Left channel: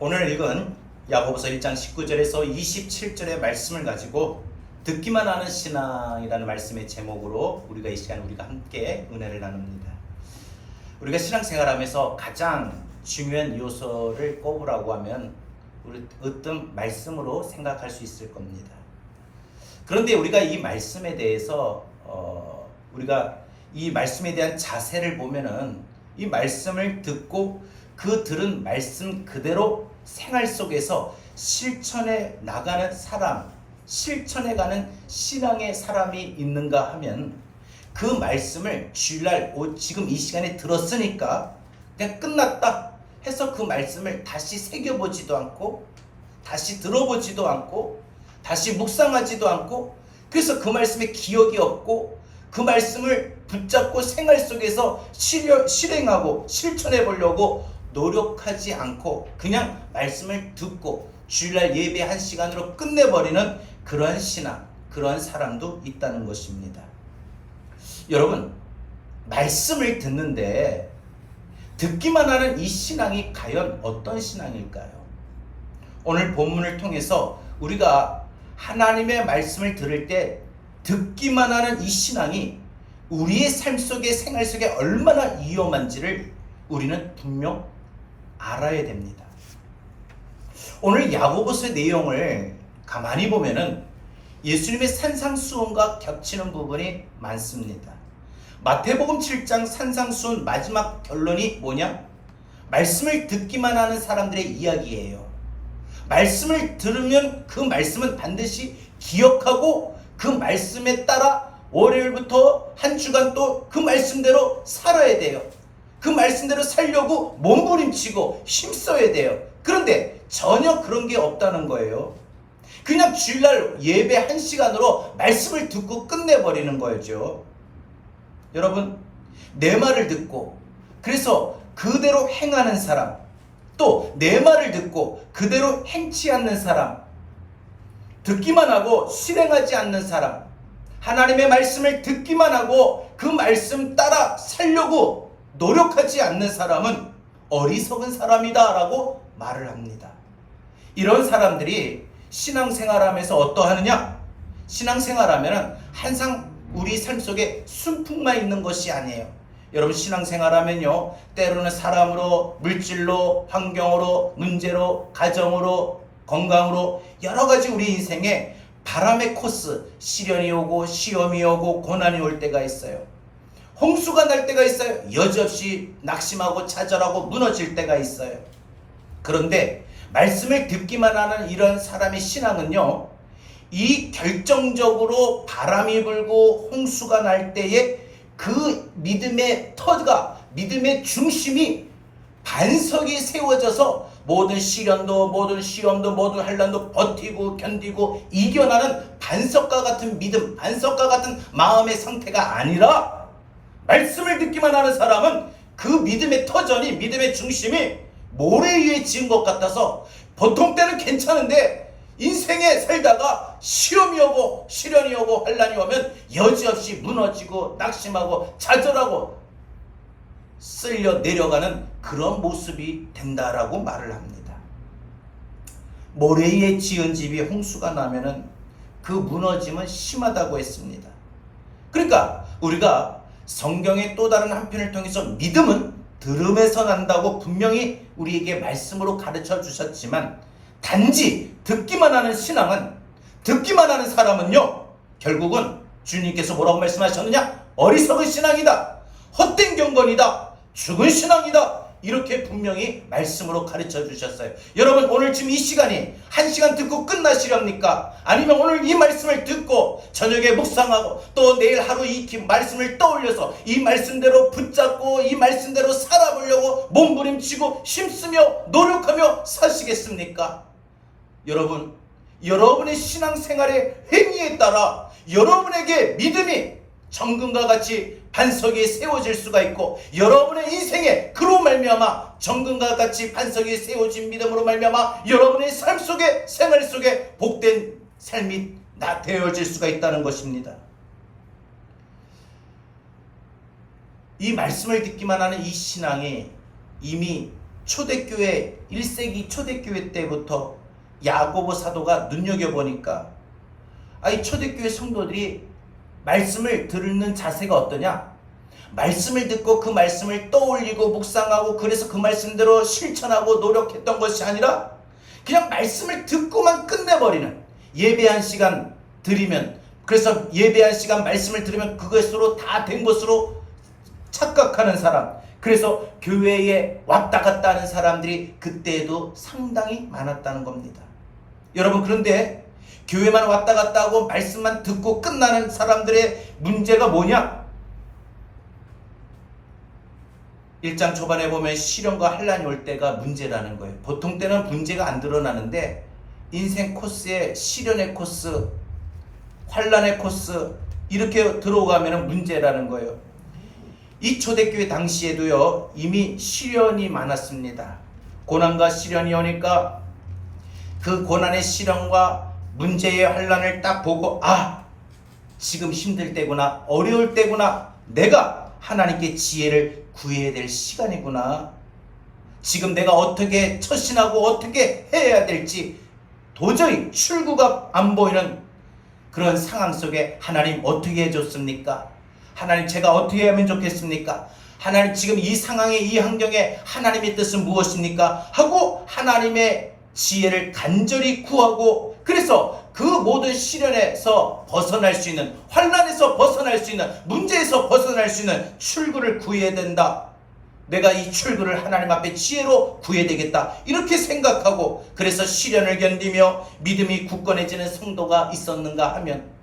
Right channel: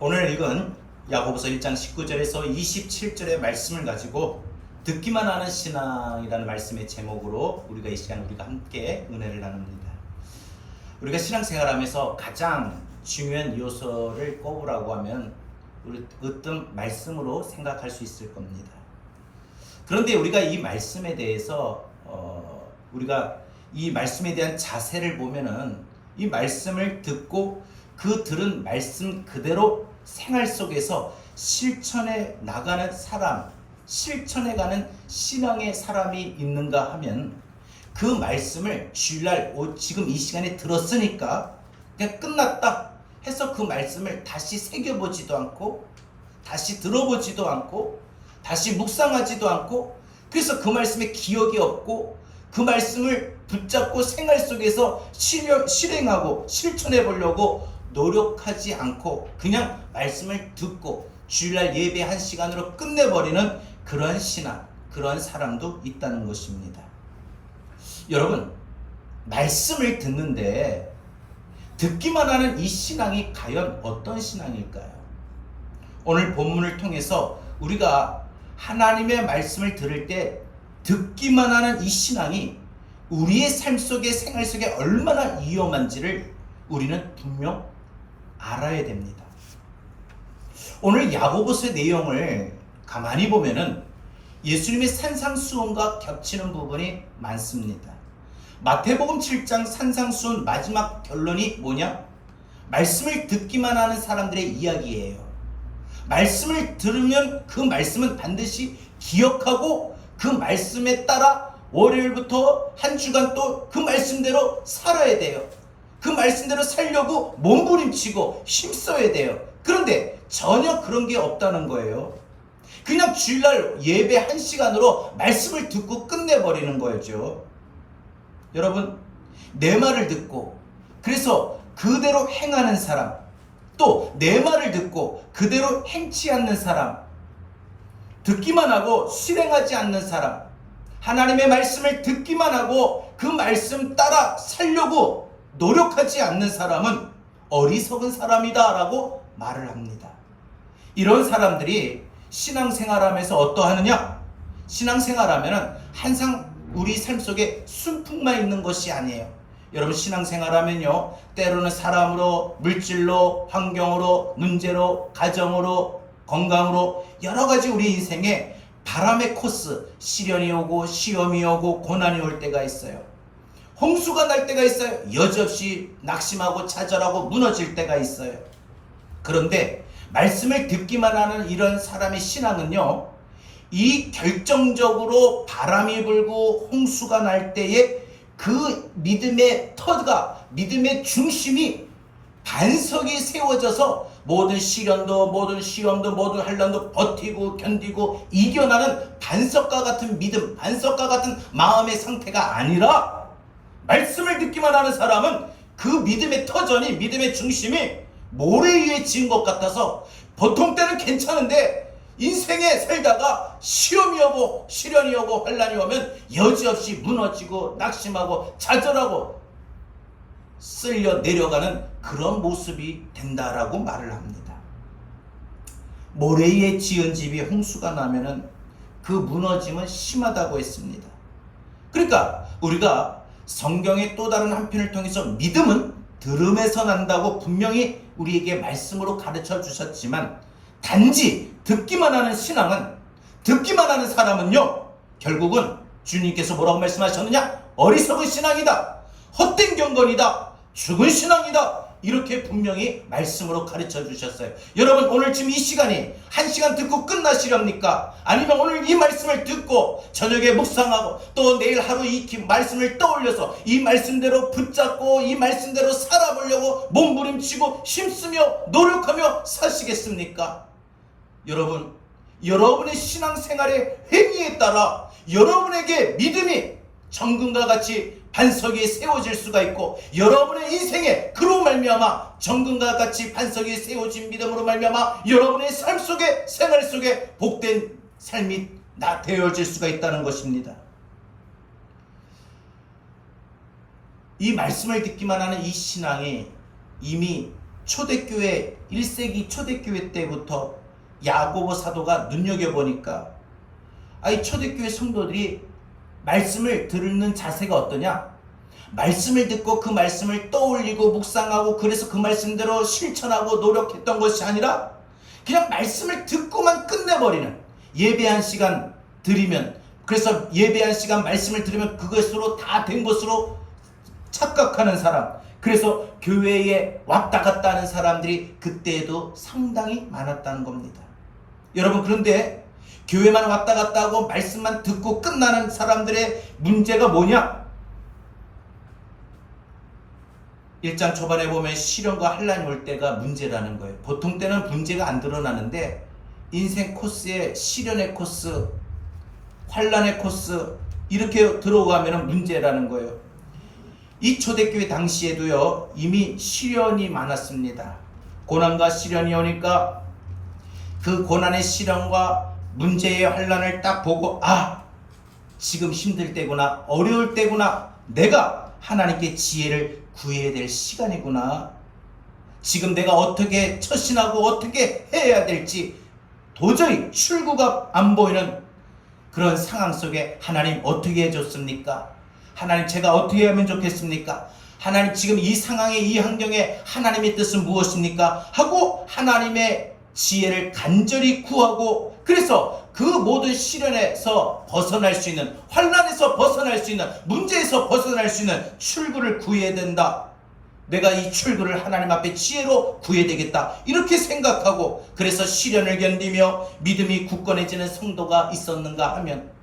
오늘 읽은 야고보서 1장 19절에서 27절의 말씀을 가지고 듣기만 하는 신앙이라는 말씀의 제목으로 우리가 이 시간 함께 은혜를 나눕니다. 우리가 신앙생활하면서 가장 중요한 요소를 꼽으라고 하면 우리 어떤 말씀으로 생각할 수 있을 겁니다. 그런데 우리가 이 말씀에 대해서 우리가 이 말씀에 대한 자세를 보면은 이 말씀을 듣고 그 들은 말씀 그대로 생활 속에서 실천해 나가는 사람, 실천해 가는 신앙의 사람이 있는가 하면 그 말씀을 주일날 지금 이 시간에 들었으니까 그냥 끝났다 해서 그 말씀을 다시 새겨보지도 않고 다시 들어보지도 않고 다시 묵상하지도 않고 그래서 그 말씀에 기억이 없고 그 말씀을 붙잡고 생활 속에서 실행하고 실천해 보려고 노력하지 않고 그냥 말씀을 듣고 주일날 예배 1시간으로 끝내버리는 그러한 신앙, 그러한 사람도 있다는 것입니다. 여러분, 말씀을 듣는데 듣기만 하는 이 신앙이 과연 어떤 신앙일까요? 오늘 본문을 통해서 우리가 하나님의 말씀을 들을 때 듣기만 하는 이 신앙이 우리의 삶 속에 생활 속에 얼마나 위험한지를 우리는 분명 알아야 됩니다. 오늘 야고보서의 내용을 가만히 보면은 예수님의 산상수훈과 겹치는 부분이 많습니다. 마태복음 7장 산상수훈 마지막 결론이 뭐냐? 말씀을 듣기만 하는 사람들의 이야기예요. 말씀을 들으면 그 말씀은 반드시 기억하고 그 말씀에 따라 월요일부터 한 주간 또 그 말씀대로 살아야 돼요. 그 말씀대로 살려고 몸부림치고 힘써야 돼요. 그런데 전혀 그런 게 없다는 거예요. 그냥 주일날 예배 1시간으로 말씀을 듣고 끝내버리는 거죠. 여러분, 내 말을 듣고 그래서 그대로 행하는 사람, 또 내 말을 듣고 그대로 행치 않는 사람, 듣기만 하고 실행하지 않는 사람, 하나님의 말씀을 듣기만 하고 그 말씀 따라 살려고 노력하지 않는 사람은 어리석은 사람이다 라고 말을 합니다. 이런 사람들이 신앙생활하면서 어떠하느냐? 신앙생활하면 항상 우리 삶 속에 순풍만 있는 것이 아니에요. 여러분, 신앙생활하면요, 때로는 사람으로, 물질로, 환경으로, 문제로, 가정으로, 건강으로 여러 가지 우리 인생에 바람의 코스, 시련이 오고 시험이 오고 고난이 올 때가 있어요. 홍수가 날 때가 있어요. 여지없이 낙심하고 좌절하고 무너질 때가 있어요. 그런데 말씀을 듣기만 하는 이런 사람의 신앙은요, 이 결정적으로 바람이 불고 홍수가 날 때에 그 믿음의 터가, 믿음의 중심이 반석이 세워져서 모든 시련도 모든 시험도 모든 환난도 버티고 견디고 이겨나는 반석과 같은 믿음, 반석과 같은 마음의 상태가 아니라 말씀을 듣기만 하는 사람은 그 믿음의 터전이, 믿음의 중심이 모래 위에 지은 것 같아서 보통 때는 괜찮은데 인생에 살다가 시험이 오고 시련이 오고 환난이 오면 여지없이 무너지고 낙심하고 좌절하고 쓸려 내려가는 그런 모습이 된다라고 말을 합니다. 모래 위에 지은 집이 홍수가 나면은 그 무너짐은 심하다고 했습니다. 그러니까 우리가 성경의 또 다른 한편을 통해서 믿음은 들음에서 난다고 분명히 우리에게 말씀으로 가르쳐 주셨지만 단지 듣기만 하는 신앙은, 듣기만 하는 사람은요, 결국은 주님께서 뭐라고 말씀하셨느냐? 어리석은 신앙이다, 헛된 경건이다, 죽은 신앙이다, 이렇게 분명히 말씀으로 가르쳐 주셨어요. 여러분, 오늘 지금 이 시간이 1시간 듣고 끝나시렵니까? 아니면 오늘 이 말씀을 듣고 저녁에 묵상하고 또 내일 하루 이 말씀을 떠올려서 이 말씀대로 붙잡고 이 말씀대로 살아보려고 몸부림치고 힘쓰며 노력하며 사시겠습니까? 여러분, 여러분의 신앙생활의 행위에 따라 여러분에게 믿음이 정금과 같이 반석이 세워질 수가 있고, 여러분의 인생에 그로 말미암아 정금과 같이 반석이 세워진 믿음으로 말미암아 여러분의 삶 속에, 생활 속에 복된 삶이 되어질 수가 있다는 것입니다. 이 말씀을 듣기만 하는 이 신앙이 이미 초대교회 1세기 초대교회 때부터 야고보 사도가 눈여겨보니까 이 초대교회 성도들이 말씀을 듣는 자세가 어떠냐? 말씀을 듣고 그 말씀을 떠올리고 묵상하고 그래서 그 말씀대로 실천하고 노력했던 것이 아니라 그냥 말씀을 듣고만 끝내버리는, 예배한 시간 드리면, 그래서 예배한 시간 말씀을 들으면 그것으로 다 된 것으로 착각하는 사람, 그래서 교회에 왔다 갔다 하는 사람들이 그때에도 상당히 많았다는 겁니다. 여러분, 그런데 교회만 왔다 갔다 하고 말씀만 듣고 끝나는 사람들의 문제가 뭐냐? 1장 초반에 보면 시련과 환난이 올 때가 문제라는 거예요. 보통 때는 문제가 안 드러나는데 인생 코스에 시련의 코스, 환난의 코스 이렇게 들어가면 문제라는 거예요. 이 초대교회 당시에도요, 이미 시련이 많았습니다. 고난과 시련이 오니까 그 고난의 시련과 문제의 환난을 딱 보고, 지금 힘들 때구나, 어려울 때구나, 내가 하나님께 지혜를 구해야 될 시간이구나, 지금 내가 어떻게 처신하고 어떻게 해야 될지 도저히 출구가 안 보이는 그런 상황 속에 하나님 어떻게 해줬습니까? 하나님 제가 어떻게 하면 좋겠습니까? 하나님 지금 이 상황에, 이 환경에 하나님의 뜻은 무엇입니까? 하고 하나님의 지혜를 간절히 구하고, 그래서 그 모든 시련에서 벗어날 수 있는, 환난에서 벗어날 수 있는, 문제에서 벗어날 수 있는 출구를 구해야 된다. 내가 이 출구를 하나님 앞에 지혜로 구해야 되겠다, 이렇게 생각하고, 그래서 시련을 견디며 믿음이 굳건해지는 성도가 있었는가 하면,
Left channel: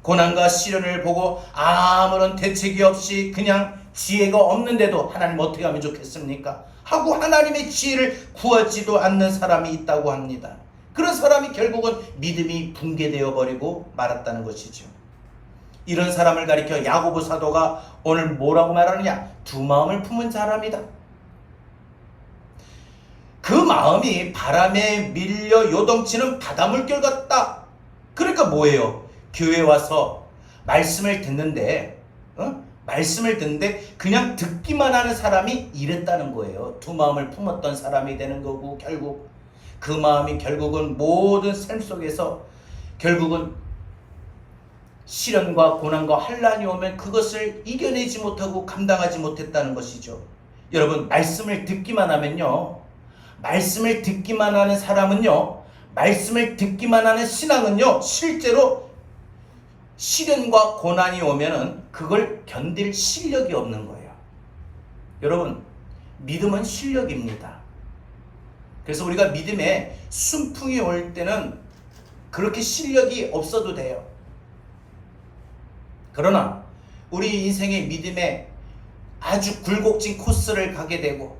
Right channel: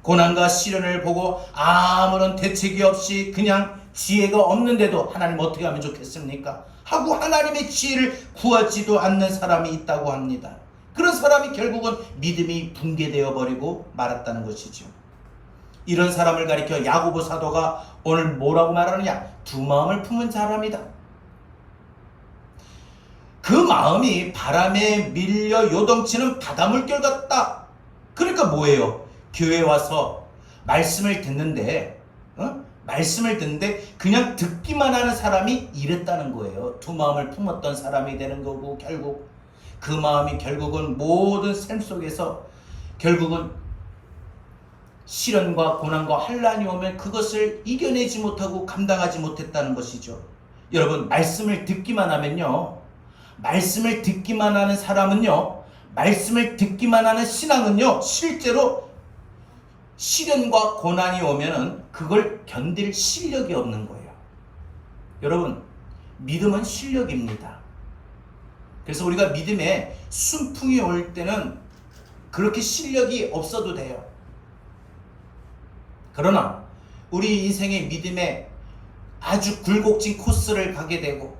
고난과 시련을 보고 아무런 대책이 없이 그냥 지혜가 없는데도 하나님 어떻게 하면 좋겠습니까? 하고 하나님의 지혜를 구하지도 않는 사람이 있다고 합니다. 그런 사람이 결국은 믿음이 붕괴되어 버리고 말았다는 것이죠. 이런 사람을 가리켜 야고보 사도가 오늘 뭐라고 말하느냐? 두 마음을 품은 사람이다. 그 마음이 바람에 밀려 요동치는 바닷물결 같다. 그러니까 뭐예요? 교회 와서 말씀을 듣는데 그냥 듣기만 하는 사람이 이랬다는 거예요. 두 마음을 품었던 사람이 되는 거고, 결국 그 마음이 결국은 모든 삶 속에서 결국은 시련과 고난과 환난이 오면 그것을 이겨내지 못하고 감당하지 못했다는 것이죠. 여러분, 말씀을 듣기만 하면요, 말씀을 듣기만 하는 사람은요, 말씀을 듣기만 하는 신앙은요, 실제로 시련과 고난이 오면은 그걸 견딜 실력이 없는 거예요. 여러분, 믿음은 실력입니다. 그래서 우리가 믿음에 순풍이 올 때는 그렇게 실력이 없어도 돼요. 그러나 우리 인생의 믿음에 아주 굴곡진 코스를 가게 되고,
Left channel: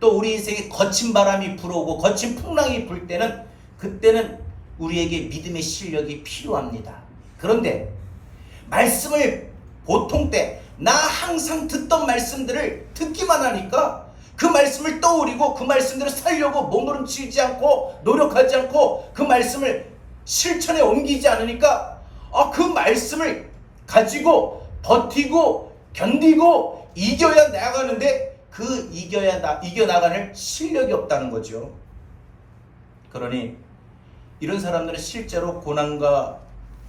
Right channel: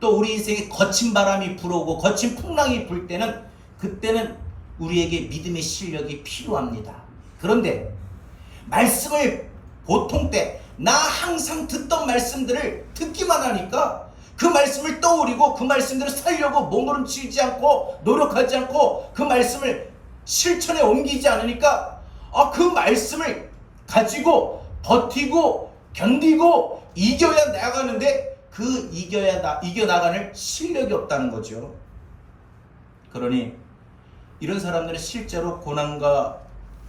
또 우리 인생에 거친 바람이 불어오고 거친 풍랑이 불 때는, 그때는 우리에게 믿음의 실력이 필요합니다. 그런데 말씀을 보통 때 나 항상 듣던 말씀들을 듣기만 하니까 그 말씀을 떠올리고 그 말씀대로 살려고 몸부림치지 않고 노력하지 않고 그 말씀을 실천에 옮기지 않으니까 그 말씀을 가지고 버티고 견디고 이겨야 나가는데 그 이겨나가는 실력이 없다는 거죠. 그러니 이런 사람들은 실제로 고난과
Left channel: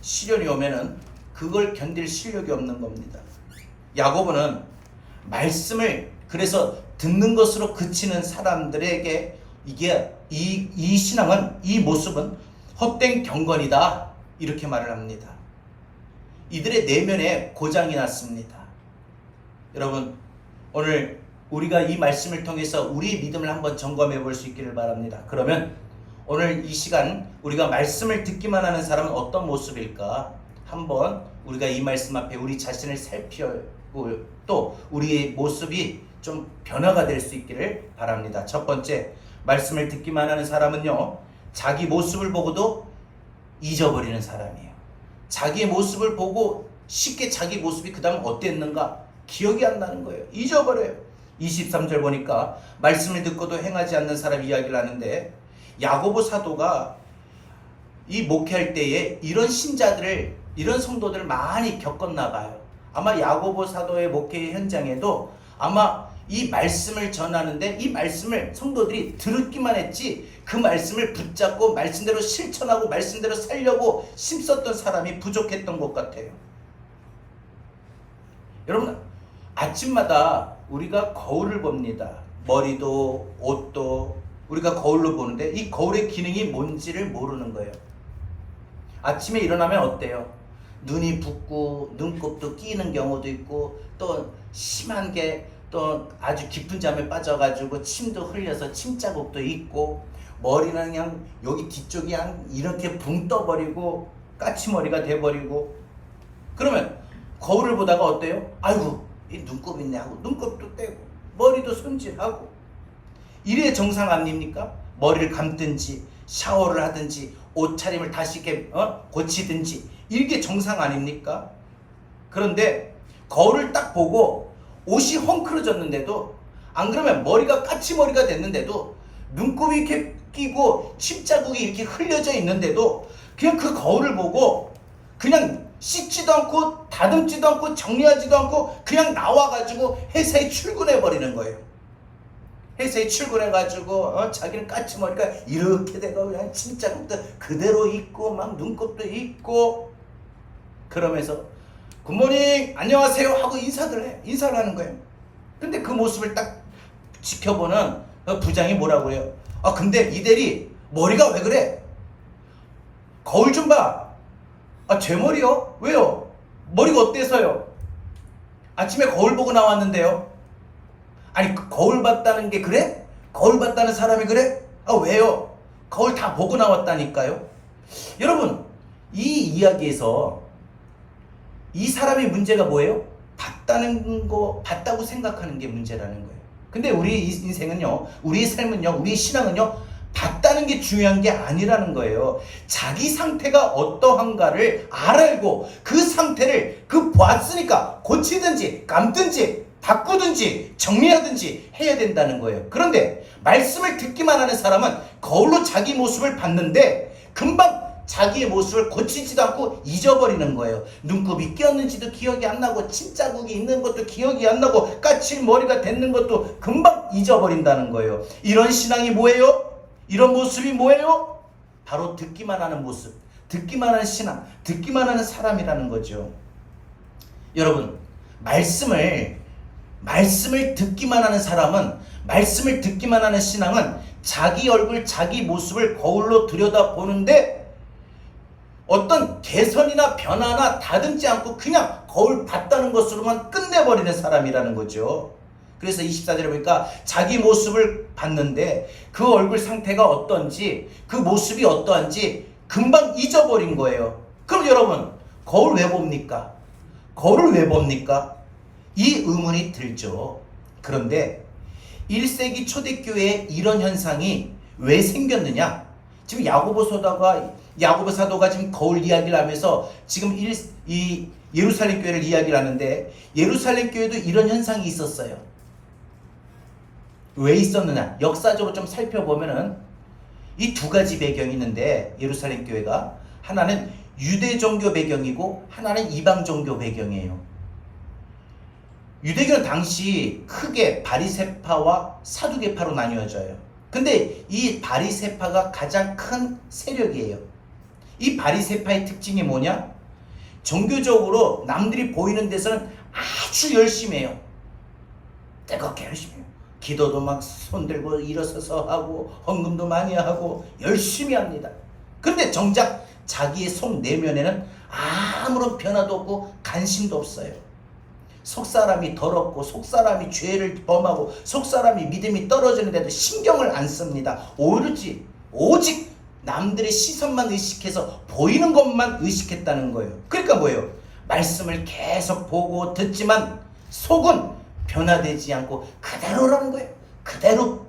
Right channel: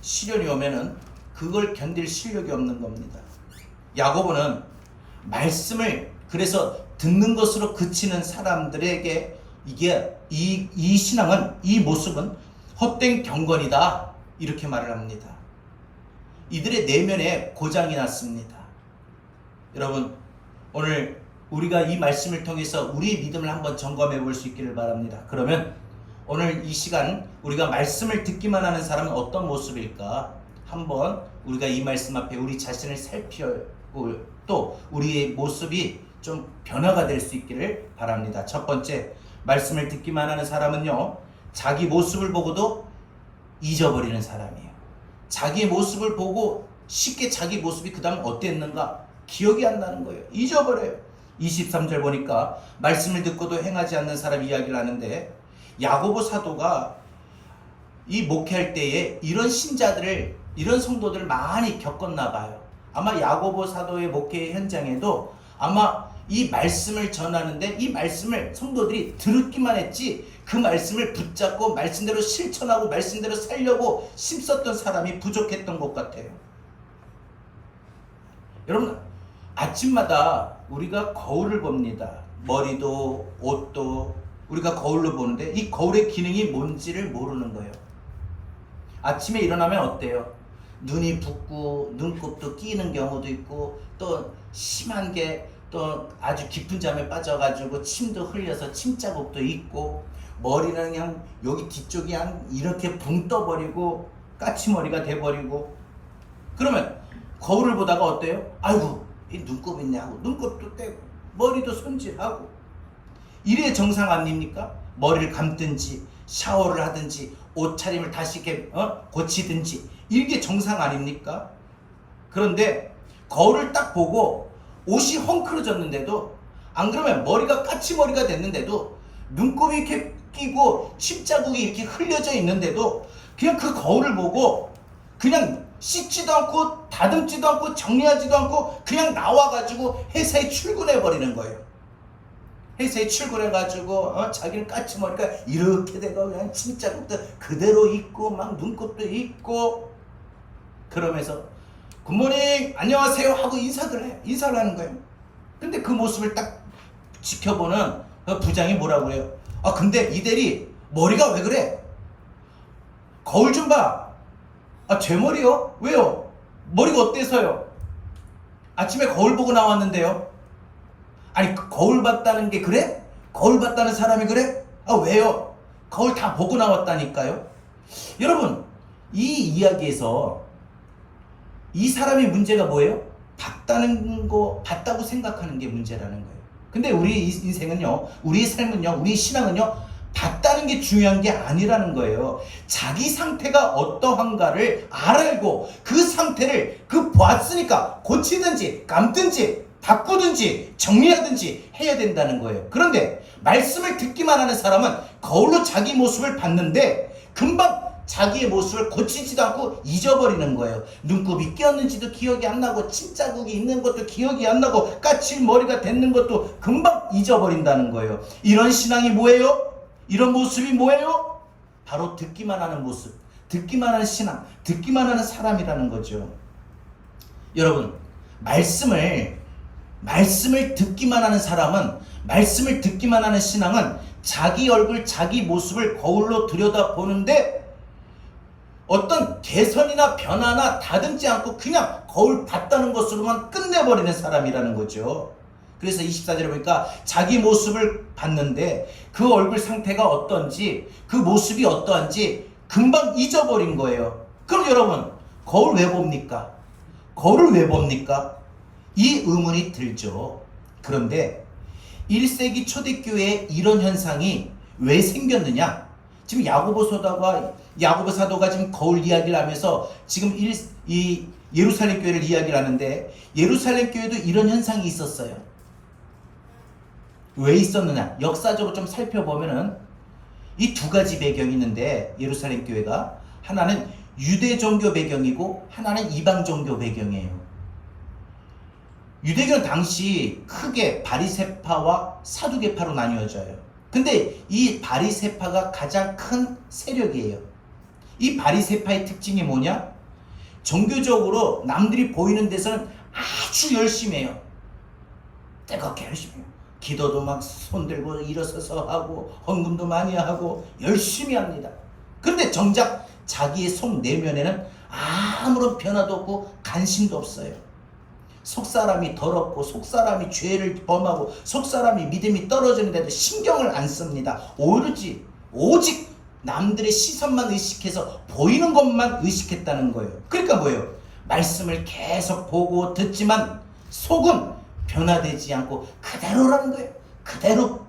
시련이 오면은 그걸 견딜 실력이 없는 겁니다. 야고보는 말씀을 그래서 듣는 것으로 그치는 사람들에게 이 신앙은, 이 모습은 헛된 경건이다, 이렇게 말을 합니다. 이들의 내면에 고장이 났습니다. 여러분, 오늘 우리가 이 말씀을 통해서 우리의 믿음을 한번 점검해 볼 수 있기를 바랍니다. 그러면 오늘 이 시간 우리가 말씀을 듣기만 하는 사람은 어떤 모습일까? 한번 우리가 이 말씀 앞에 우리 자신을 살펴보고, 또 우리의 모습이 좀 변화가 될 수 있기를 바랍니다. 첫 번째, 말씀을 듣기만 하는 사람은요, 자기 모습을 보고도 잊어버리는 사람이에요. 자기의 모습을 보고 쉽게 자기 모습이 그 다음 어땠는가 기억이 안 나는 거예요. 잊어버려요. 23절 보니까 말씀을 듣고도 행하지 않는 사람 이야기를 하는데, 야고보 사도가 이 목회할 때에 이런 신자들을, 이런 성도들을 많이 겪었나 봐요. 아마 야고보 사도의 목회 현장에도 아마 이 말씀을 전하는데 이 말씀을 성도들이 들었기만 했지 그 말씀을 붙잡고 말씀대로 실천하고 말씀대로 살려고 힘썼던 사람이 부족했던 것 같아요. 여러분, 아침마다 우리가 거울을 봅니다. 머리도 옷도 우리가 거울로 보는데 이 거울의 기능이 뭔지를 모르는 거예요. 아침에 일어나면 어때요? 눈이 붓고 눈곱도 끼는 경우도 있고 또 심한 게 또 아주 깊은 잠에 빠져가지고 침도 흘려서 침자국도 있고 머리는 그냥 여기 뒤쪽이 그냥 이렇게 붕 떠버리고 까치머리가 돼버리고 그러면 거울을 보다가 어때요? 아이고 이 눈곱 있네 하고 눈곱도 떼고 머리도 손질하고 이래 정상 아닙니까? 머리를 감든지 샤워를 하든지 옷차림을 다시 이렇게 고치든지 이게 정상 아닙니까? 그런데 거울을 딱 보고 옷이 헝클어졌는데도 안 그러면 머리가 까치머리가 됐는데도 눈곱이 이렇게 끼고 침자국이 이렇게 흘려져 있는데도 그냥 그 거울을 보고 그냥 씻지도 않고 다듬지도 않고 정리하지도 않고 그냥 나와가지고 회사에 출근해 버리는 거예요. 회사에 출근해가지고 자기는 까치머리가 이렇게 돼가 그냥 침자국도 그대로 있고 막 눈곱도 있고 그러면서 굿모닝 안녕하세요 하고 인사를 하는 거예요. 근데 그 모습을 딱 지켜보는 부장이 뭐라고 해요? 아 근데 이 대리 머리가 왜 그래? 거울 좀 봐. 아 제 머리요? 왜요? 머리가 어때서요? 아침에 거울 보고 나왔는데요. 아니 거울 봤다는 게 그래? 거울 봤다는 사람이 그래? 아 왜요? 거울 다 보고 나왔다니까요. 여러분 이 이야기에서 이 사람의 문제가 뭐예요? 봤다고 생각하는 게 문제라는 거예요. 근데 우리 인생은요, 우리 삶은요, 우리 신앙은요, 봤다는 게 중요한 게 아니라는 거예요. 자기 상태가 어떠한가를 알고 그 상태를 봤으니까 고치든지 감든지 바꾸든지 정리하든지 해야 된다는 거예요. 그런데 말씀을 듣기만 하는 사람은 거울로 자기 모습을 봤는데 금방 자기의 모습을 고치지도 않고 잊어버리는 거예요. 눈곱이 끼었는지도 기억이 안 나고 침자국이 있는 것도 기억이 안 나고 까칠머리가 됐는 것도 금방 잊어버린다는 거예요. 이런 신앙이 뭐예요? 이런 모습이 뭐예요? 바로 듣기만 하는 모습, 듣기만 하는 신앙, 듣기만 하는 사람이라는 거죠. 여러분, 말씀을 듣기만 하는 사람은, 말씀을 듣기만 하는 신앙은 자기 얼굴, 자기 모습을 거울로 들여다보는데 어떤 개선이나 변화나 다듬지 않고 그냥 거울 봤다는 것으로만 끝내버리는 사람이라는 거죠. 그래서 24절에 보니까 자기 모습을 봤는데 그 얼굴 상태가 어떤지 그 모습이 어떠한지 금방 잊어버린 거예요. 그럼 여러분 거울 왜 봅니까? 거울을 왜 봅니까? 이 의문이 들죠. 그런데 1세기 초대교회에 이런 현상이 왜 생겼느냐? 지금 야고보 사도가 지금 거울 이야기를 하면서 지금 이 예루살렘 교회를 이야기를 하는데 예루살렘 교회도 이런 현상이 있었어요. 왜 있었느냐? 역사적으로 좀 살펴보면은 이 두 가지 배경이 있는데 예루살렘 교회가 하나는 유대 종교 배경이고 하나는 이방 종교 배경이에요. 유대교는 당시 크게 바리새파와 사두개파로 나뉘어져요. 근데 이 바리새파가 가장 큰 세력이에요. 이 바리새파의 특징이 뭐냐? 종교적으로 남들이 보이는 데서는 아주 열심히 해요. 뜨겁게 열심히 해요. 기도도 막 손들고 일어서서 하고 헌금도 많이 하고 열심히 합니다. 근데 정작 자기의 속 내면에는 아무런 변화도 없고 관심도 없어요. 속사람이 더럽고 속사람이 죄를 범하고 속사람이 믿음이 떨어지는데도 신경을 안 씁니다. 오직 남들의 시선만 의식해서 보이는 것만 의식했다는 거예요. 그러니까 뭐예요? 말씀을 계속 보고 듣지만 속은 변화되지 않고 그대로라는 거예요. 그대로.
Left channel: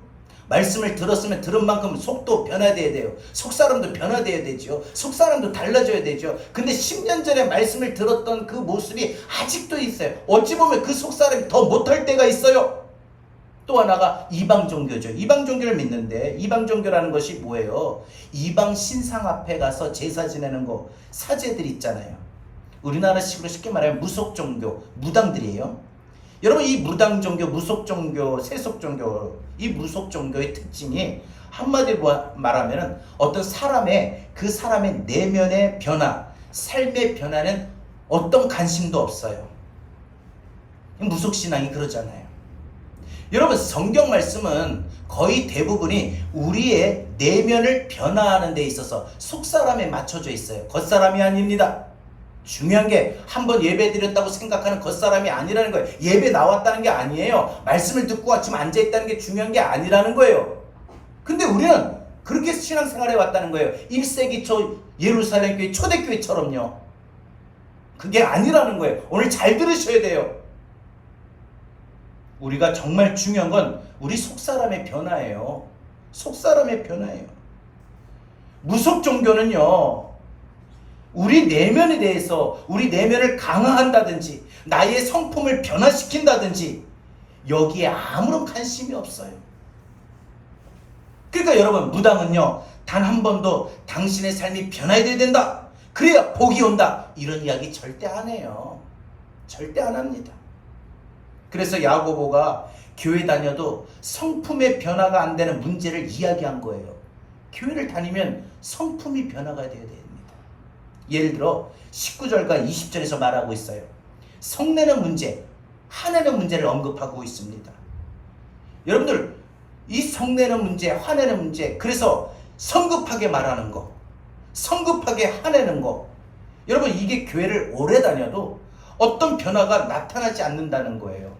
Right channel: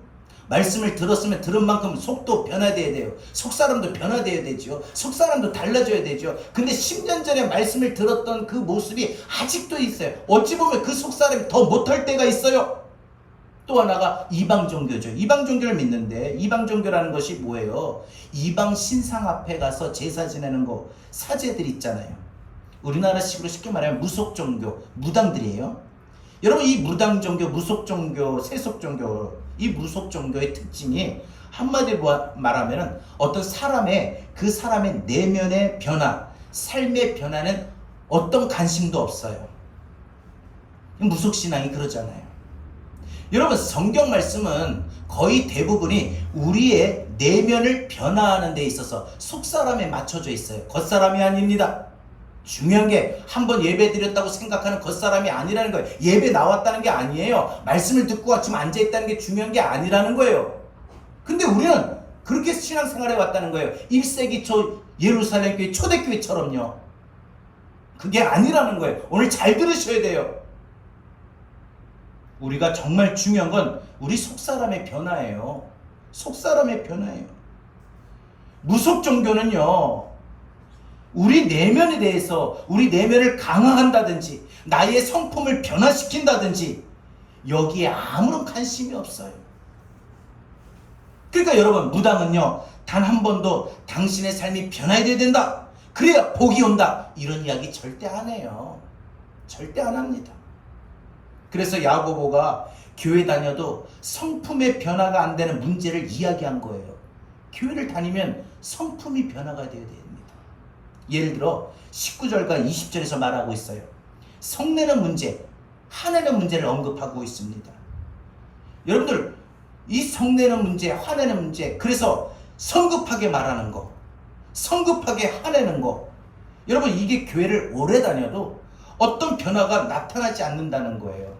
말씀을 들었으면 들은 만큼 속도 변화돼야 돼요. 속사람도 변화돼야 되죠. 속사람도 달라져야 되죠. 근데 10년 전에 말씀을 들었던 그 모습이 아직도 있어요. 어찌 보면 그 속사람이 더 못할 때가 있어요. 또 하나가 이방 종교죠. 이방 종교를 믿는데 이방 종교라는 것이 뭐예요? 이방 신상 앞에 가서 제사 지내는 거, 사제들 있잖아요. 우리나라식으로 쉽게 말하면 무속 종교, 무당들이에요. 여러분 이 무당 종교, 무속 종교, 세속 종교, 이 무속 종교의 특징이 한마디로 말하면 어떤 사람의 그 사람의 내면의 변화, 삶의 변화는 어떤 관심도 없어요. 무속 신앙이 그러잖아요. 여러분 성경 말씀은 거의 대부분이 우리의 내면을 변화하는 데 있어서 속사람에 맞춰져 있어요. 겉사람이 아닙니다. 중요한 게 한번 예배 드렸다고 생각하는 겉사람이 아니라는 거예요. 예배 나왔다는 게 아니에요. 말씀을 듣고 지금 앉아있다는 게 중요한 게 아니라는 거예요. 근데 우리는 그렇게 신앙생활에 왔다는 거예요. 1세기 초 예루살렘 교회 초대교회처럼요. 그게 아니라는 거예요. 오늘 잘 들으셔야 돼요. 우리가 정말 중요한 건 우리 속사람의 변화예요. 속사람의 변화예요. 무속 종교는요, 우리 내면에 대해서 우리 내면을 강화한다든지 나의 성품을 변화시킨다든지 여기에 아무런 관심이 없어요. 그러니까 여러분 무당은요 단 한 번도 당신의 삶이 변화해야 된다, 그래야 복이 온다, 이런 이야기 절대 안 해요. 절대 안 합니다. 그래서 야고보가 교회 다녀도 성품의 변화가 안 되는 문제를 이야기한 거예요. 교회를 다니면 성품이 변화가 되어야 됩니다. 예를 들어 19절과 20절에서 말하고 있어요. 성내는 문제, 화내는 문제를 언급하고 있습니다. 여러분들 이 성내는 문제, 화내는 문제, 그래서 성급하게 말하는 거, 성급하게 화내는 거, 여러분 이게 교회를 오래 다녀도 어떤 변화가 나타나지 않는다는 거예요.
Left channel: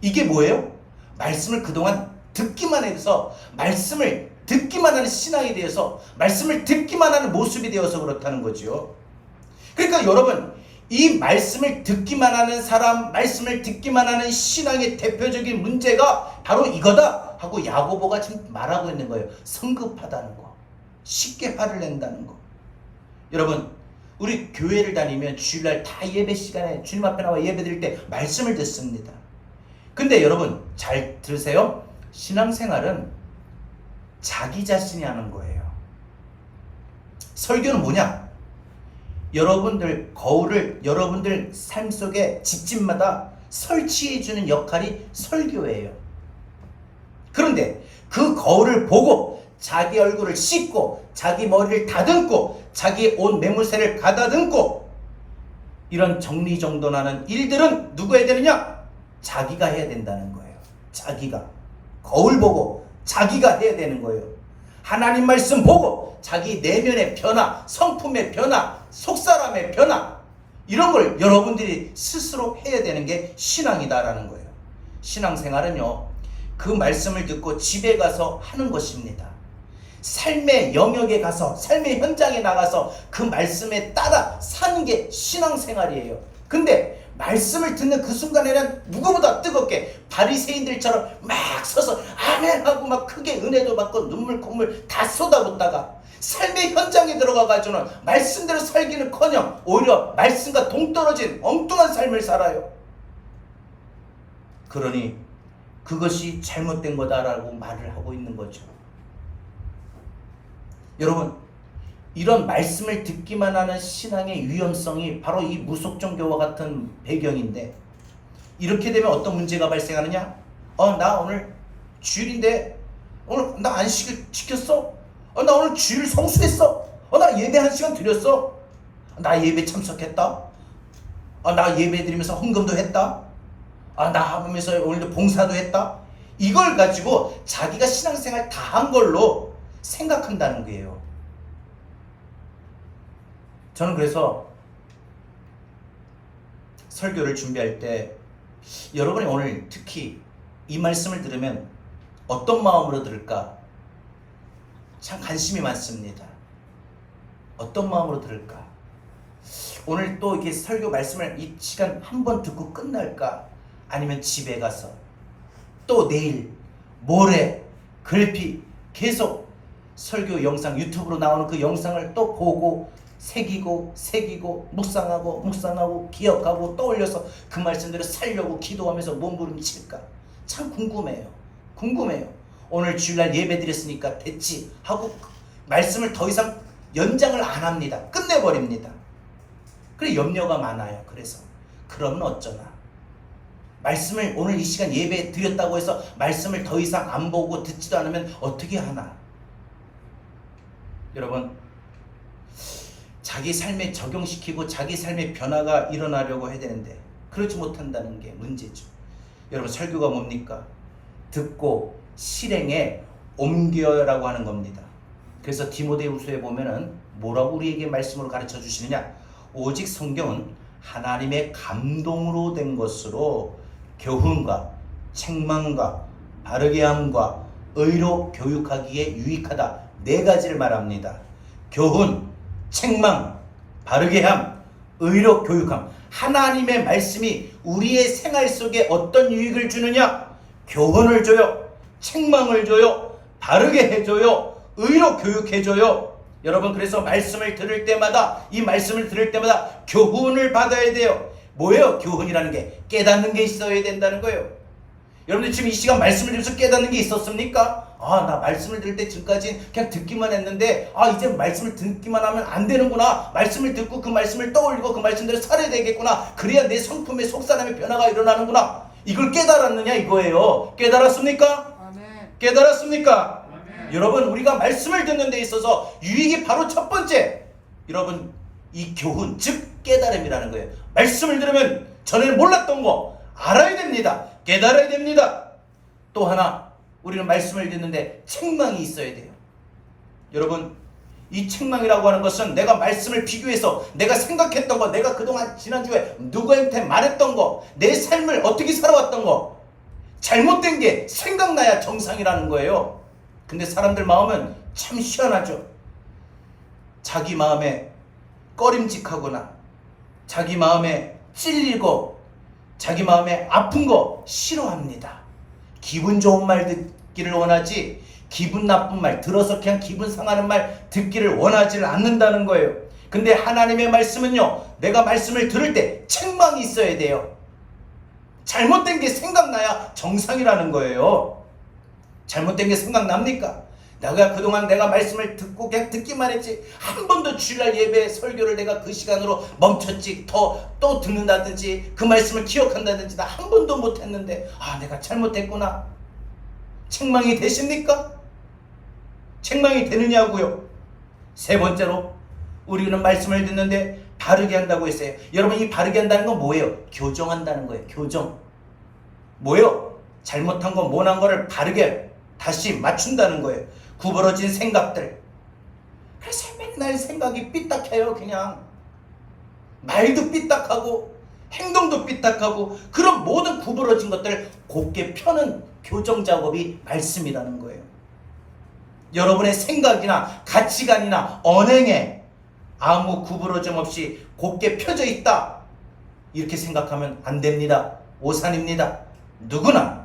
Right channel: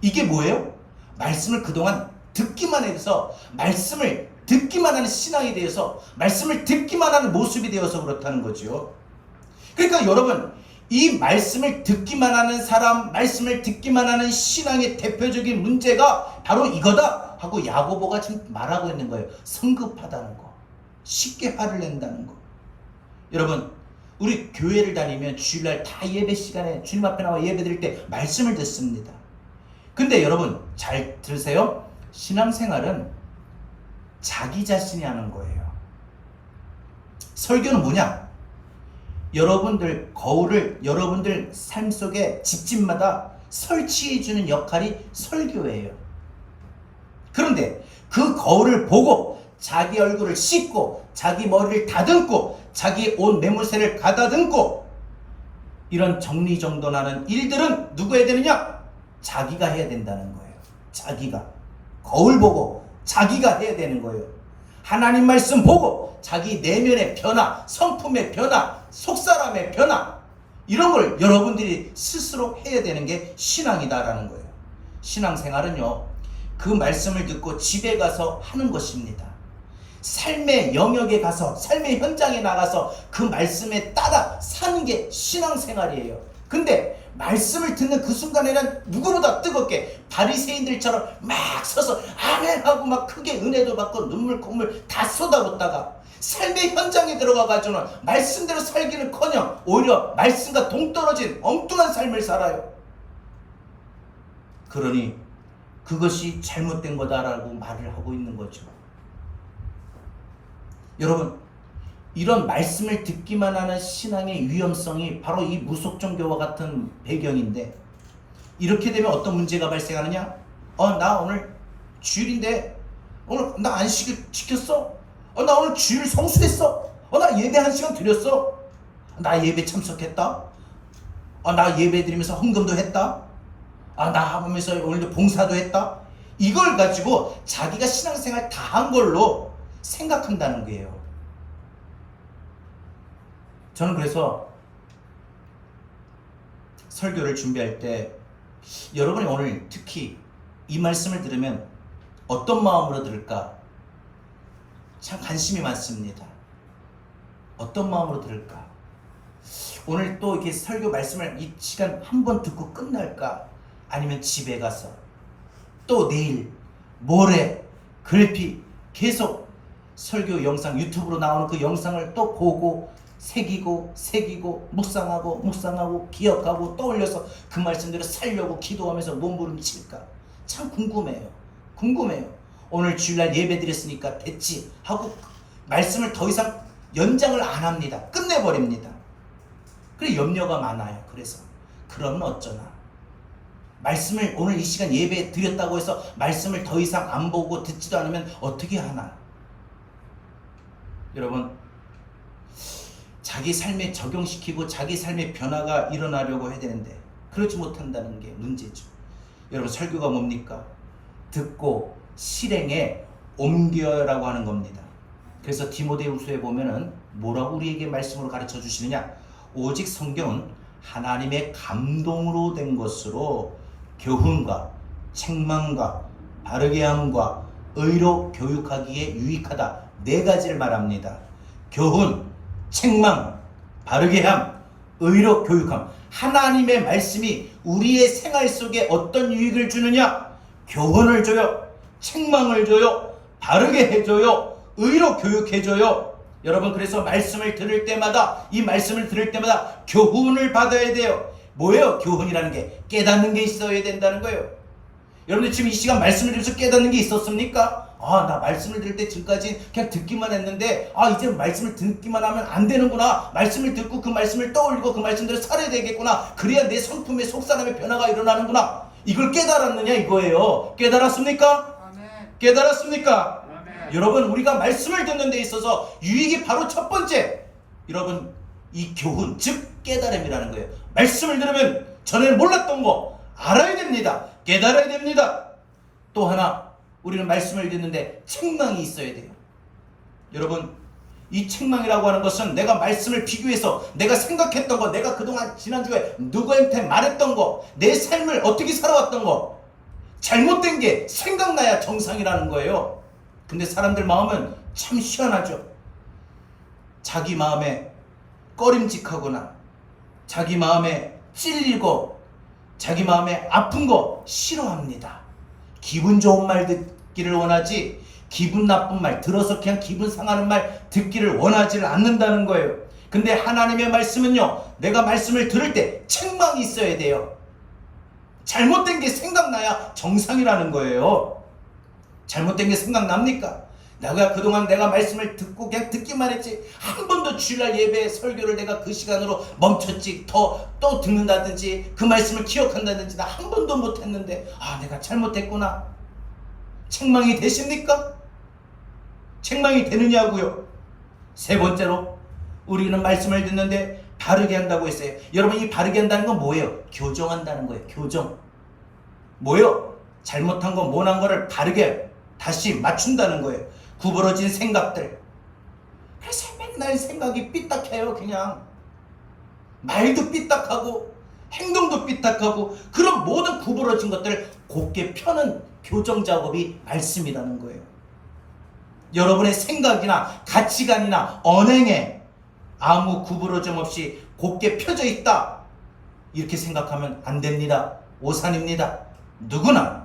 이게 뭐예요? 말씀을 그동안 듣기만 해서, 말씀을 듣기만 하는 신앙이 되어서, 말씀을 듣기만 하는 모습이 되어서 그렇다는 거죠. 그러니까 여러분 이 말씀을 듣기만 하는 사람, 말씀을 듣기만 하는 신앙의 대표적인 문제가 바로 이거다 하고 야고보가 지금 말하고 있는 거예요. 성급하다는 거, 쉽게 화를 낸다는 거. 여러분 우리 교회를 다니면 주일날 다 예배 시간에 주님 앞에 나와 예배 드릴 때 말씀을 듣습니다. 근데 여러분 잘 들으세요. 신앙생활은 자기 자신이 하는 거예요. 설교는 뭐냐? 여러분들 거울을 여러분들 삶 속에 집집마다 설치해주는 역할이 설교예요. 그런데 그 거울을 보고 자기 얼굴을 씻고 자기 머리를 다듬고 자기 옷 매무새를 가다듬고 이런 정리정돈하는 일들은 누가 해야 되느냐? 자기가 해야 된다는 거예요. 자기가 거울 보고 자기가 해야 되는 거예요. 하나님 말씀 보고 자기 내면의 변화, 성품의 변화, 속사람의 변화, 이런 걸 여러분들이 스스로 해야 되는 게 신앙이다라는 거예요. 신앙생활은요 그 말씀을 듣고 집에 가서 하는 것입니다. 삶의 영역에 가서, 삶의 현장에 나가서 그 말씀에 따라 사는 게 신앙생활이에요. 근데 말씀을 듣는 그 순간에는 누구보다 뜨겁게 바리새인들처럼 막 서서 아멘하고 막 크게 은혜도 받고 눈물 콧물 다 쏟아붓다가 삶의 현장에 들어가가지고는 말씀대로 살기는커녕 오히려 말씀과 동떨어진 엉뚱한 삶을 살아요. 그러니 그것이 잘못된 거다라고 말을 하고 있는 거죠. 여러분 이런 말씀을 듣기만 하는 신앙의 위험성이 바로 이 무속종교와 같은 배경인데, 이렇게 되면 어떤 문제가 발생하느냐? 나 오늘 주일인데 오늘 나 안식일 지켰어? 나 오늘 주일 성수했어? 나 예배 1시간 드렸어? 나 예배 참석했다? 나 예배 드리면서 헌금도 했다? 나 하면서 오늘도 봉사도 했다? 이걸 가지고 자기가 신앙생활 다 한 걸로 생각한다는 거예요. 저는 그래서 설교를 준비할 때 여러분이 오늘 특히 이 말씀을 들으면 어떤 마음으로 들을까? 참 관심이 많습니다. 어떤 마음으로 들을까? 오늘 또 이렇게 설교 말씀을 이 시간 한 번 듣고 끝날까? 아니면 집에 가서 또 내일, 모레, 글피 계속 설교 영상, 유튜브로 나오는 그 영상을 또 보고 새기고 묵상하고 기억하고 떠올려서 그 말씀대로 살려고 기도하면서 몸부림칠까? 참 궁금해요. 오늘 주일날 예배 드렸으니까 됐지 하고 말씀을 더 이상 연장을 안 합니다. 끝내버립니다. 그래 염려가 많아요. 그래서 그러면 어쩌나? 말씀을 오늘 이 시간 예배 드렸다고 해서 말씀을 더 이상 안 보고 듣지도 않으면 어떻게 하나? 여러분, 자기 삶에 적용시키고 자기 삶의 변화가 일어나려고 해야 되는데 그렇지 못한다는 게 문제죠. 여러분, 설교가 뭡니까? 듣고 실행에 옮겨라고 하는 겁니다. 그래서 디모데후서에 보면은 뭐라고 우리에게 말씀으로 가르쳐 주시느냐? 오직 성경은 하나님의 감동으로 된 것으로 교훈과 책망과 바르게 함과 의로 교육하기에 유익하다. 4가지를 말합니다. 교훈, 책망, 바르게 함, 의로 교육함. 하나님의 말씀이 우리의 생활 속에 어떤 유익을 주느냐? 교훈을 줘요. 책망을 줘요. 바르게 해줘요. 의로 교육해줘요. 여러분, 그래서 말씀을 들을 때마다, 이 말씀을 들을 때마다 교훈을 받아야 돼요. 뭐예요? 교훈이라는 게 깨닫는 게 있어야 된다는 거예요. 여러분들 지금 이 시간 말씀을 들으면서 깨닫는 게 있었습니까? 나 말씀을 들을 때 지금까지 그냥 듣기만 했는데 이제 말씀을 듣기만 하면 안 되는구나. 말씀을 듣고 그 말씀을 떠올리고 그 말씀대로 살아야 되겠구나. 그래야 내 성품의 속사람의 변화가 일어나는구나. 이걸 깨달았느냐 이거예요. 깨달았습니까? 아멘. 깨달았습니까? 아멘. 여러분, 우리가 말씀을 듣는 데 있어서 유익이 바로 첫 번째, 여러분, 이 교훈, 즉 깨달음이라는 거예요. 말씀을 들으면 전에는 몰랐던 거 알아야 됩니다. 깨달아야 됩니다. 또 하나, 우리는 말씀을 듣는데 책망이 있어야 돼요. 여러분, 이 책망이라고 하는 것은 내가 말씀을 비교해서 내가 생각했던 거, 내가 그동안 지난주에 누구한테 말했던 거, 내 삶을 어떻게 살아왔던 거, 잘못된 게 생각나야 정상이라는 거예요. 근데 사람들 마음은 참 희한하죠. 자기 마음에 꺼림직하거나 자기 마음에 찔리고 자기 마음에 아픈 거 싫어합니다. 기분 좋은 말 듣기를 원하지 기분 나쁜 말, 들어서 그냥 기분 상하는 말 듣기를 원하지를 않는다는 거예요. 근데 하나님의 말씀은요, 내가 말씀을 들을 때 책망이 있어야 돼요. 잘못된 게 생각나야 정상이라는 거예요. 잘못된 게 생각납니까? 내가 그동안 내가 말씀을 듣고 그냥 듣기만 했지 한 번도 주일날 예배 설교를 내가 그 시간으로 멈췄지 또 듣는다든지 그 말씀을 기억한다든지 나 한 번도 못했는데 내가 잘못했구나. 책망이 되십니까? 책망이 되느냐고요. 세 번째로, 우리는 말씀을 듣는데 바르게 한다고 했어요. 여러분, 이 바르게 한다는 건 뭐예요? 교정한다는 거예요. 교정. 뭐예요? 잘못한 거, 못한 거를 바르게 다시 맞춘다는 거예요. 구부러진 생각들. 그래서 맨날 생각이 삐딱해요. 그냥 말도 삐딱하고 행동도 삐딱하고 그런 모든 구부러진 것들을 곱게 펴는 교정 작업이 말씀이라는 거예요. 여러분의 생각이나 가치관이나 언행에 아무 구부러짐 없이 곱게 펴져 있다, 이렇게 생각하면 안 됩니다. 오산입니다. 누구나,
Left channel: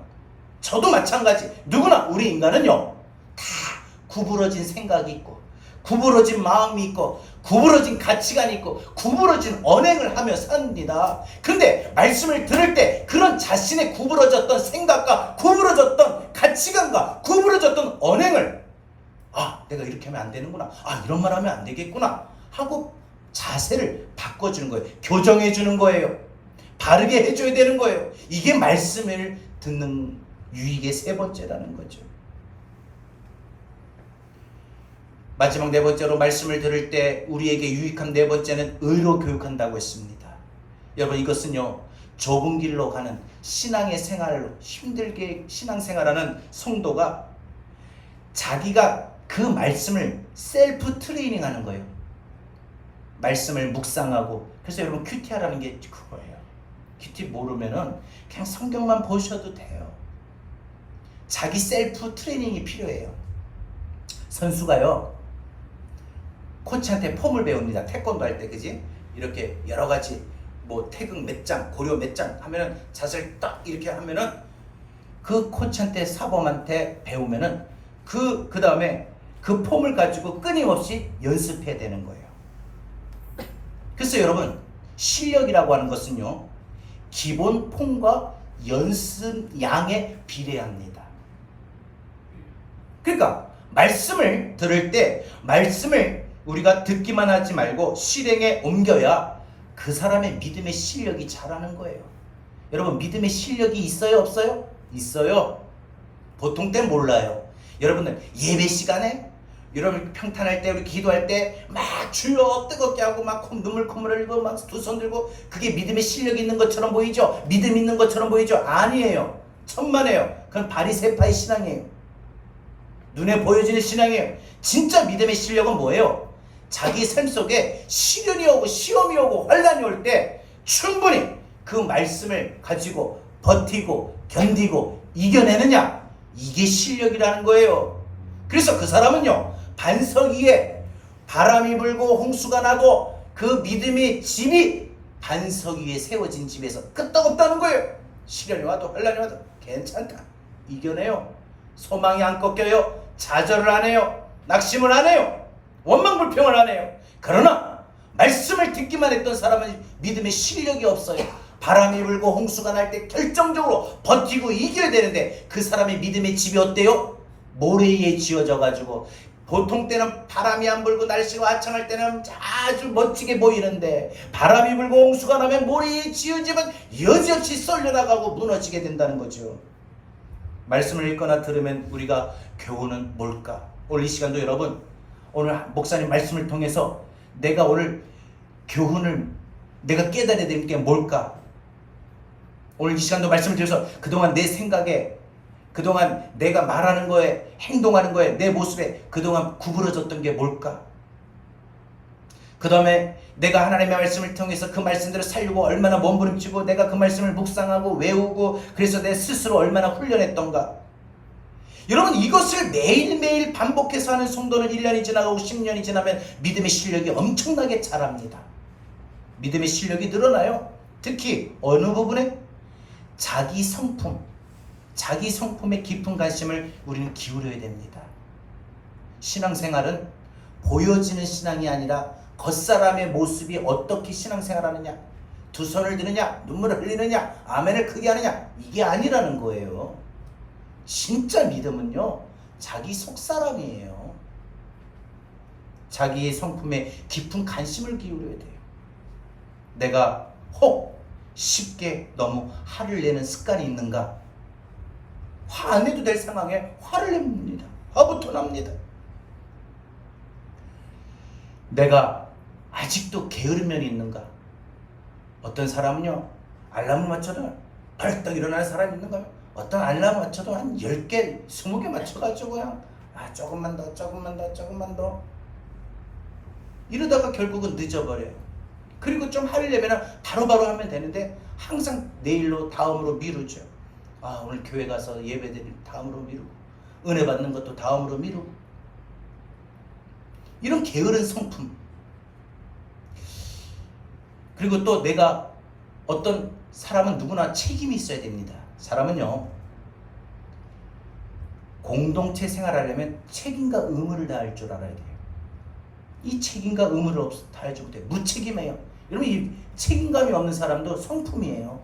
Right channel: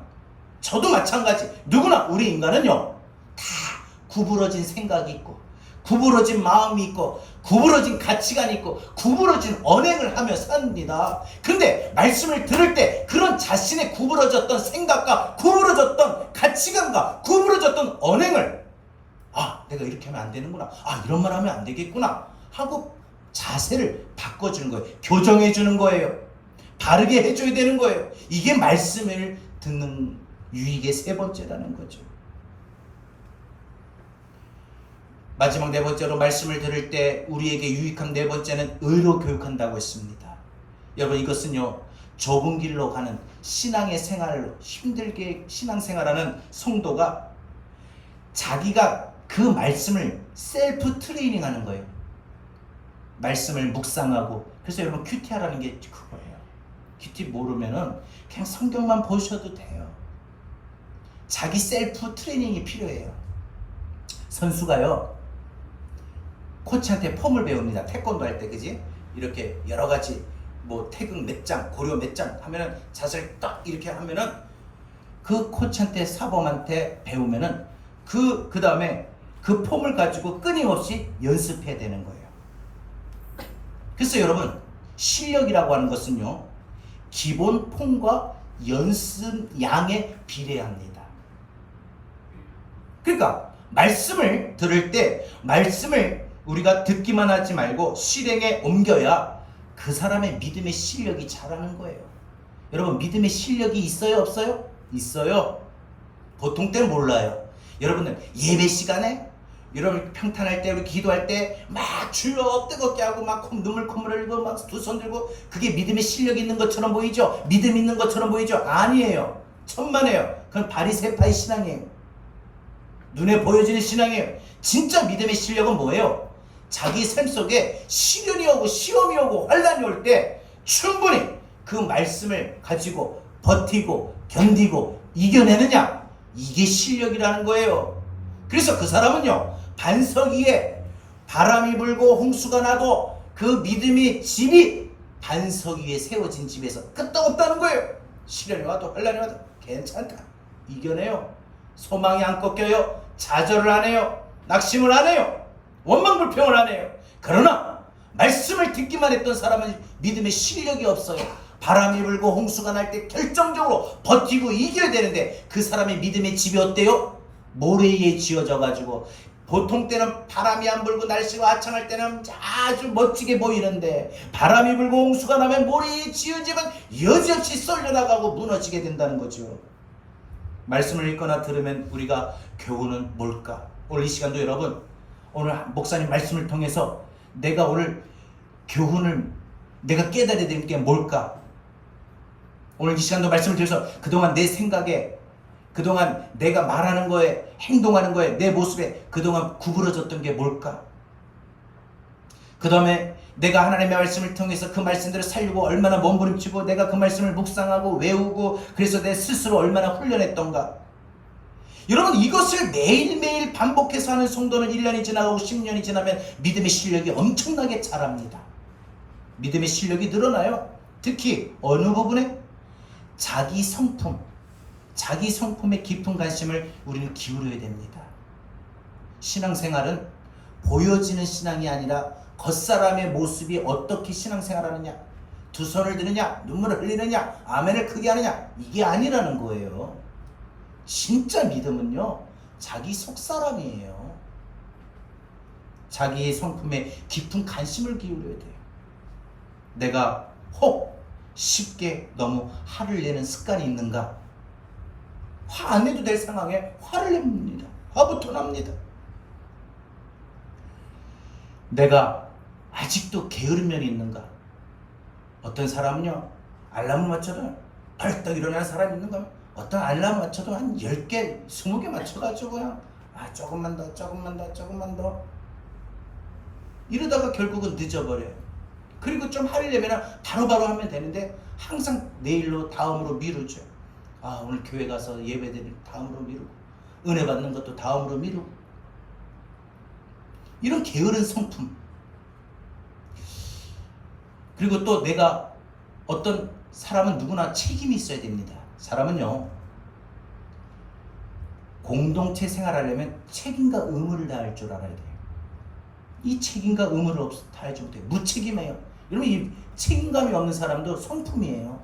저도 마찬가지, 누구나 우리 인간은요 다 구부러진 생각이 있고 구부러진 마음이 있고 구부러진 가치관이 있고 구부러진 언행을 하며 삽니다. 근데 말씀을 들을 때 그런 자신의 구부러졌던 생각과 구부러졌던 가치관과 구부러졌던 언행을 내가 이렇게 하면 안 되는구나, 이런 말 하면 안 되겠구나 하고 자세를 바꿔주는 거예요. 교정해 주는 거예요. 바르게 해줘야 되는 거예요. 이게 말씀을 듣는 유익의 세 번째라는 거죠. 마지막 네 번째로, 말씀을 들을 때 우리에게 유익한 네 번째는 의로 교육한다고 했습니다. 여러분, 이것은요 좁은 길로 가는 신앙의 생활로 힘들게 신앙생활하는 성도가 자기가 그 말씀을 셀프 트레이닝 하는 거예요. 말씀을 묵상하고. 그래서 여러분, 큐티하라는 게 그거예요. 큐티 모르면은 그냥 성경만 보셔도 돼요. 자기 셀프 트레이닝이 필요해요. 선수가요 코치한테 폼을 배웁니다. 태권도 할 때, 그지? 이렇게 여러 가지 태극 몇 장, 고려 몇 장 하면은 자세를 딱 이렇게 하면은 그 코치한테, 사범한테 배우면은 그 다음에 그 폼을 가지고 끊임없이 연습해야 되는 거예요. 그래서 여러분, 실력이라고 하는 것은요 기본 폼과 연습 양에 비례합니다. 그러니까 말씀을 들을 때 말씀을 우리가 듣기만 하지 말고 실행에 옮겨야 그 사람의 믿음의 실력이 자라는 거예요. 여러분 믿음의 실력이 있어요 없어요? 있어요. 보통 때는 몰라요. 여러분들 예배 시간에 여러분 평탄할 때 우리 기도할 때 막 주여 뜨겁게 하고 막 눈물 콧물 흘리고 막 두 손 들고 그게 믿음의 실력이 있는 것처럼 보이죠? 믿음 있는 것처럼 보이죠? 아니에요. 천만에요. 그건 바리새파의 신앙이에요. 눈에 보여지는 신앙이에요. 진짜 믿음의 실력은 뭐예요? 자기 삶 속에 시련이 오고 시험이 오고 환란이 올 때 충분히 그 말씀을 가지고 버티고 견디고 이겨내느냐, 이게 실력이라는 거예요. 그래서 그 사람은요, 반석 위에 바람이 불고 홍수가 나도 그 믿음의 집이 반석 위에 세워진 집에서 끄떡없다는 거예요. 시련이 와도 환란이 와도 괜찮다, 이겨내요. 소망이 안 꺾여요. 좌절을 안 해요. 낙심을 안 해요. 원망불평을 안 해요. 그러나 말씀을 듣기만 했던 사람은 믿음의 실력이 없어요. 바람이 불고 홍수가 날 때 결정적으로 버티고 이겨야 되는데 그 사람의 믿음의 집이 어때요? 모래 위에 지어져 가지고 보통 때는 바람이 안 불고 날씨가 화창할 때는 아주 멋지게 보이는데 바람이 불고 홍수가 나면 모래 위에 지어지면 여지없이 썰려나가고 무너지게 된다는 거죠. 말씀을 읽거나 들으면 우리가 교훈은 뭘까? 오늘 이 시간도 여러분, 오늘 목사님 말씀을 통해서 내가 오늘 교훈을 내가 깨달아야 되는 게 뭘까? 오늘 이 시간도 말씀을 드려서 그동안 내 생각에, 그동안 내가 말하는 거에, 행동하는 거에, 내 모습에 그동안 구부러졌던 게 뭘까? 그 다음에 내가 하나님의 말씀을 통해서 그 말씀대로 살고 얼마나 몸부림치고 내가 그 말씀을 묵상하고 외우고 그래서 내 스스로 얼마나 훈련했던가. 여러분, 이것을 매일매일 반복해서 하는 성도는 1년이 지나가고 10년이 지나면 믿음의 실력이 엄청나게 자랍니다. 믿음의 실력이 늘어나요. 특히 어느 부분에? 자기 성품, 자기 성품에 깊은 관심을 우리는 기울여야 됩니다. 신앙생활은 보여지는 신앙이 아니라 겉사람의 모습이 어떻게 신앙생활하느냐, 두 손을 드느냐, 눈물을 흘리느냐, 아멘을 크게 하느냐, 이게 아니라는 거예요. 진짜 믿음은요, 자기 속사람이에요. 자기의 성품에 깊은 관심을 기울여야 돼요. 내가 혹 쉽게 너무 화를 내는 습관이 있는가? 화 안 내도 될 상황에 화를 냅니다. 화부터 납니다. 내가 아직도 게으른 면이 있는가? 어떤 사람은요, 알람을 맞춰도 벌떡 일어나는 사람이 있는가? 어떤 알람을 맞춰도 한 10개, 20개 맞춰가지고 그냥 조금만 더, 조금만 더, 조금만 더 이러다가 결국은 늦어버려요. 그리고 좀 하려면 바로바로 하면 되는데 항상 내일로, 다음으로 미루죠. 오늘 교회 가서 예배드릴 다음으로 미루고 은혜 받는 것도 다음으로 미루고, 이런 게으른 성품. 그리고 또 내가 어떤 사람은 누구나 책임이 있어야 됩니다. 사람은요, 공동체 생활하려면 책임과 의무를 다할 줄 알아야 돼요. 이 책임과 의무를 다하지 못해요. 무책임해요. 여러분, 이 책임감이 없는 사람도 성품이에요.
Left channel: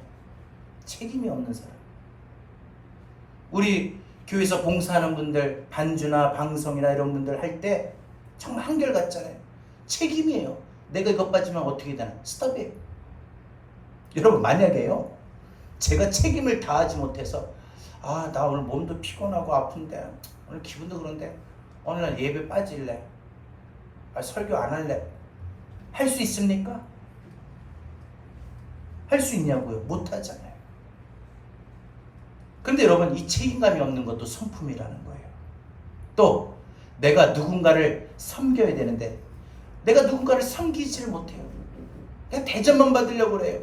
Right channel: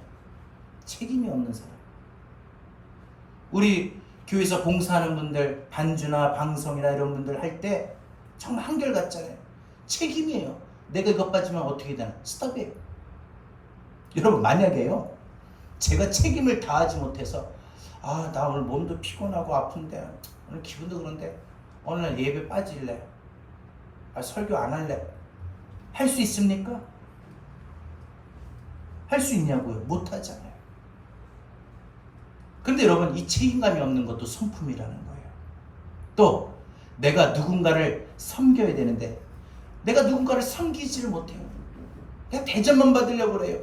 책임이 없는 사람. 우리 교회에서 봉사하는 분들, 반주나 방송이나 이런 분들 할 때 정말 한결같잖아요. 책임이에요. 내가 이것 빠지면 어떻게 되나? 스톱이에요. 여러분, 만약에요, 제가 책임을 다하지 못해서 나 오늘 몸도 피곤하고 아픈데, 오늘 기분도 그런데 오늘 예배 빠질래, 설교 안 할래, 할 수 있습니까? 할 수 있냐고요? 못 하잖아요. 근데 여러분, 이 책임감이 없는 것도 성품이라는 거예요. 또 내가 누군가를 섬겨야 되는데 내가 누군가를 섬기지를 못해요. 그냥 대접만 받으려고 그래요.